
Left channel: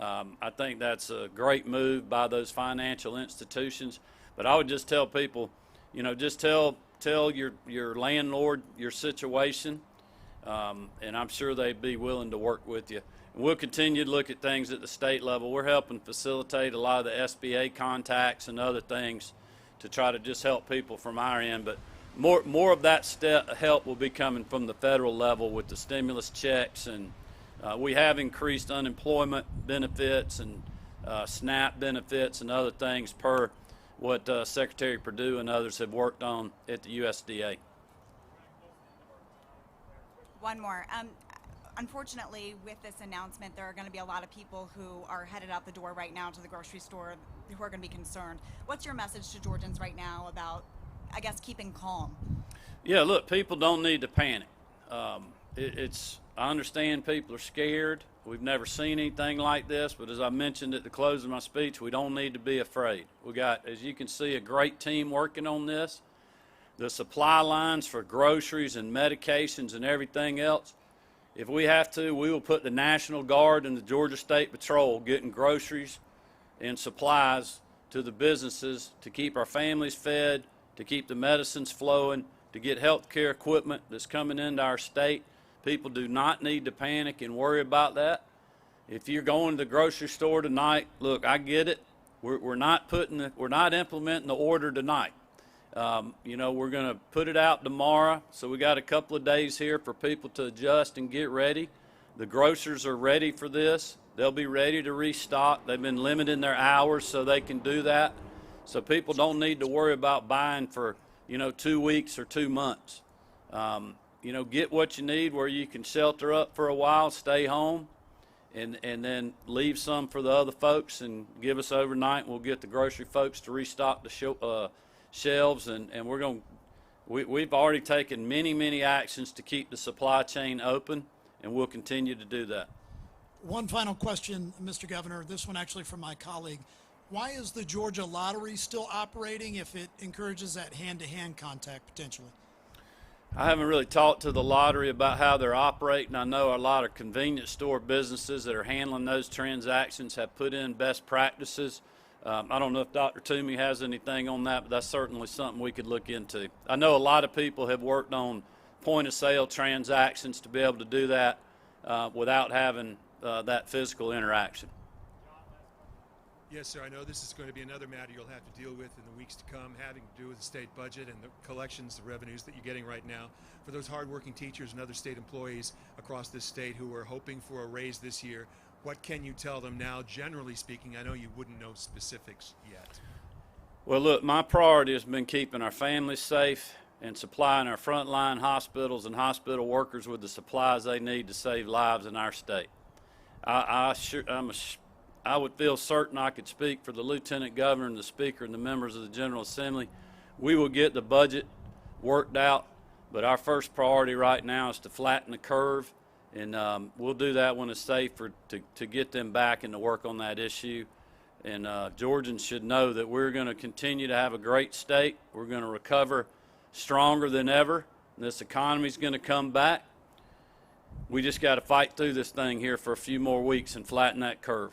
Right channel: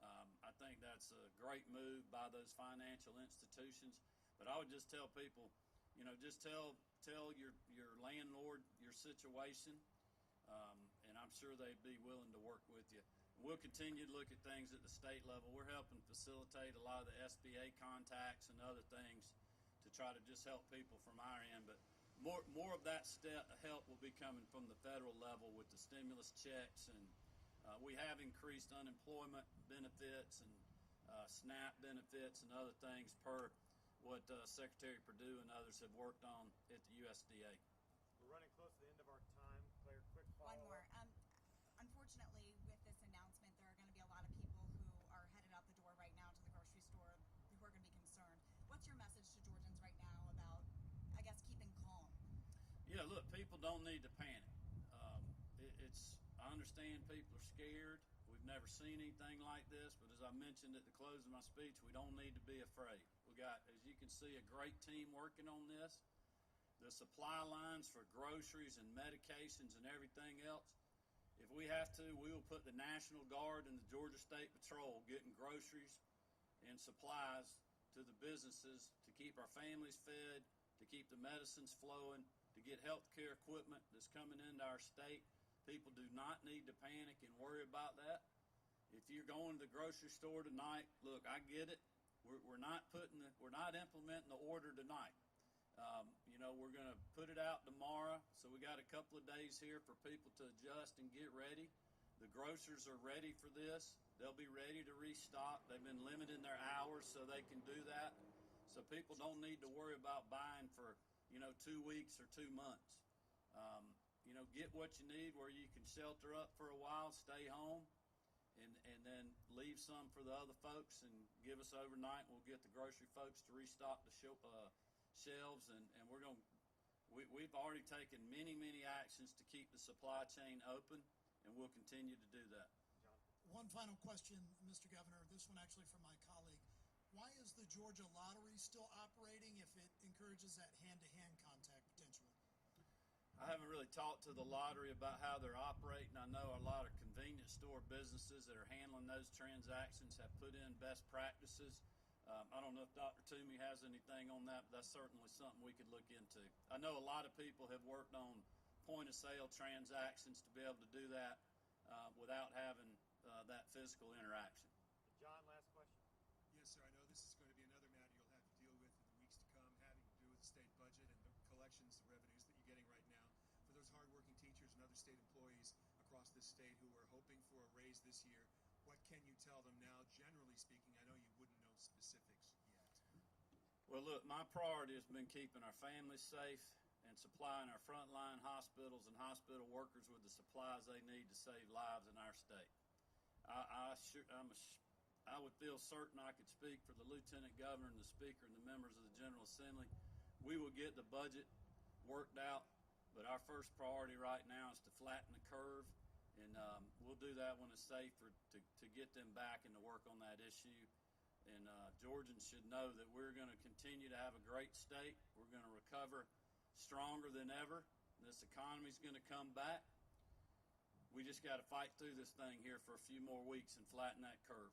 I think that's a great move by those financial institutions. But I would just tell people, just tell your landlord your situation, and I'm sure they'd be willing to work with you. And we'll continue to look at things at the state level. We're helping facilitate a lot of the SBA contacts and other things to try to just help people from our end. But more of that help will be coming from the federal level with the stimulus checks, and we have increased unemployment benefits and SNAP benefits and other things per what Secretary Perdue and others have worked on at the USDA. One more. Unfortunately, with this announcement, there are going to be a lot of people who are headed out the door right now to the grocery store who are going to be concerned. What's your message to Georgians right now about, I guess, keeping calm? Yeah, look, people don't need to panic. I understand people are scared. We've never seen anything like this, but as I mentioned at the close of my speech, we don't need to be afraid. We got, as you can see, a great team working on this. The supply lines for groceries and medications and everything else, if we have to, we will put the National Guard and the Georgia State Patrol getting groceries and supplies to the businesses to keep our families fed, to keep the medicines flowing, to get health care equipment that's coming into our state. People do not need to panic and worry about that. If you're going to the grocery store tonight, look, I get it. We're not implementing the order tonight. We're going to put it out tomorrow, so we got a couple of days here for people to adjust and get ready. The grocers are ready for this. They'll be ready to restock. They've been limiting their hours so they can do that. So people don't need to worry about buying for, 2 weeks or 2 months. Get what you need where you can shelter up for a while, stay home, and then leave some for the other folks and give us overnight. We'll get the grocery folks to restock the shelves, and we've already taken many actions to keep the supply chain open, and we'll continue to do that. One final question, Mr. Governor, this one actually from my colleague. Why is the Georgia Lottery still operating if it encourages that hand-to-hand contact potentially? I haven't really talked to the lottery about how they're operating. I know a lot of convenience store businesses that are handling those transactions have put in best practices. I don't know if Dr. Toomey has anything on that, but that's certainly something we could look into. I know a lot of people have worked on point-of-sale transactions to be able to do that without having that physical interaction. Yes, sir. I know this is going to be another matter you'll have to deal with in the weeks to come, having to do with the state budget and the collections, the revenues that you're getting right now. For those hardworking teachers and other state employees across this state who are hoping for a raise this year, what can you tell them now, generally speaking? I know you wouldn't know specifics yet. Well, look, my priority has been keeping our families safe and supplying our frontline hospitals and hospital workers with the supplies they need to save lives in our state. I would feel certain I could speak for the Lieutenant Governor and the Speaker and the members of the General Assembly. We will get the budget worked out, but our first priority right now is to flatten the curve, and we'll do that when it's safe to get them back and to work on that issue. And Georgians should know that we're going to continue to have a great state. We're going to recover stronger than ever. This economy is going to come back. We just got to fight through this thing here for a few more weeks and flatten that curve.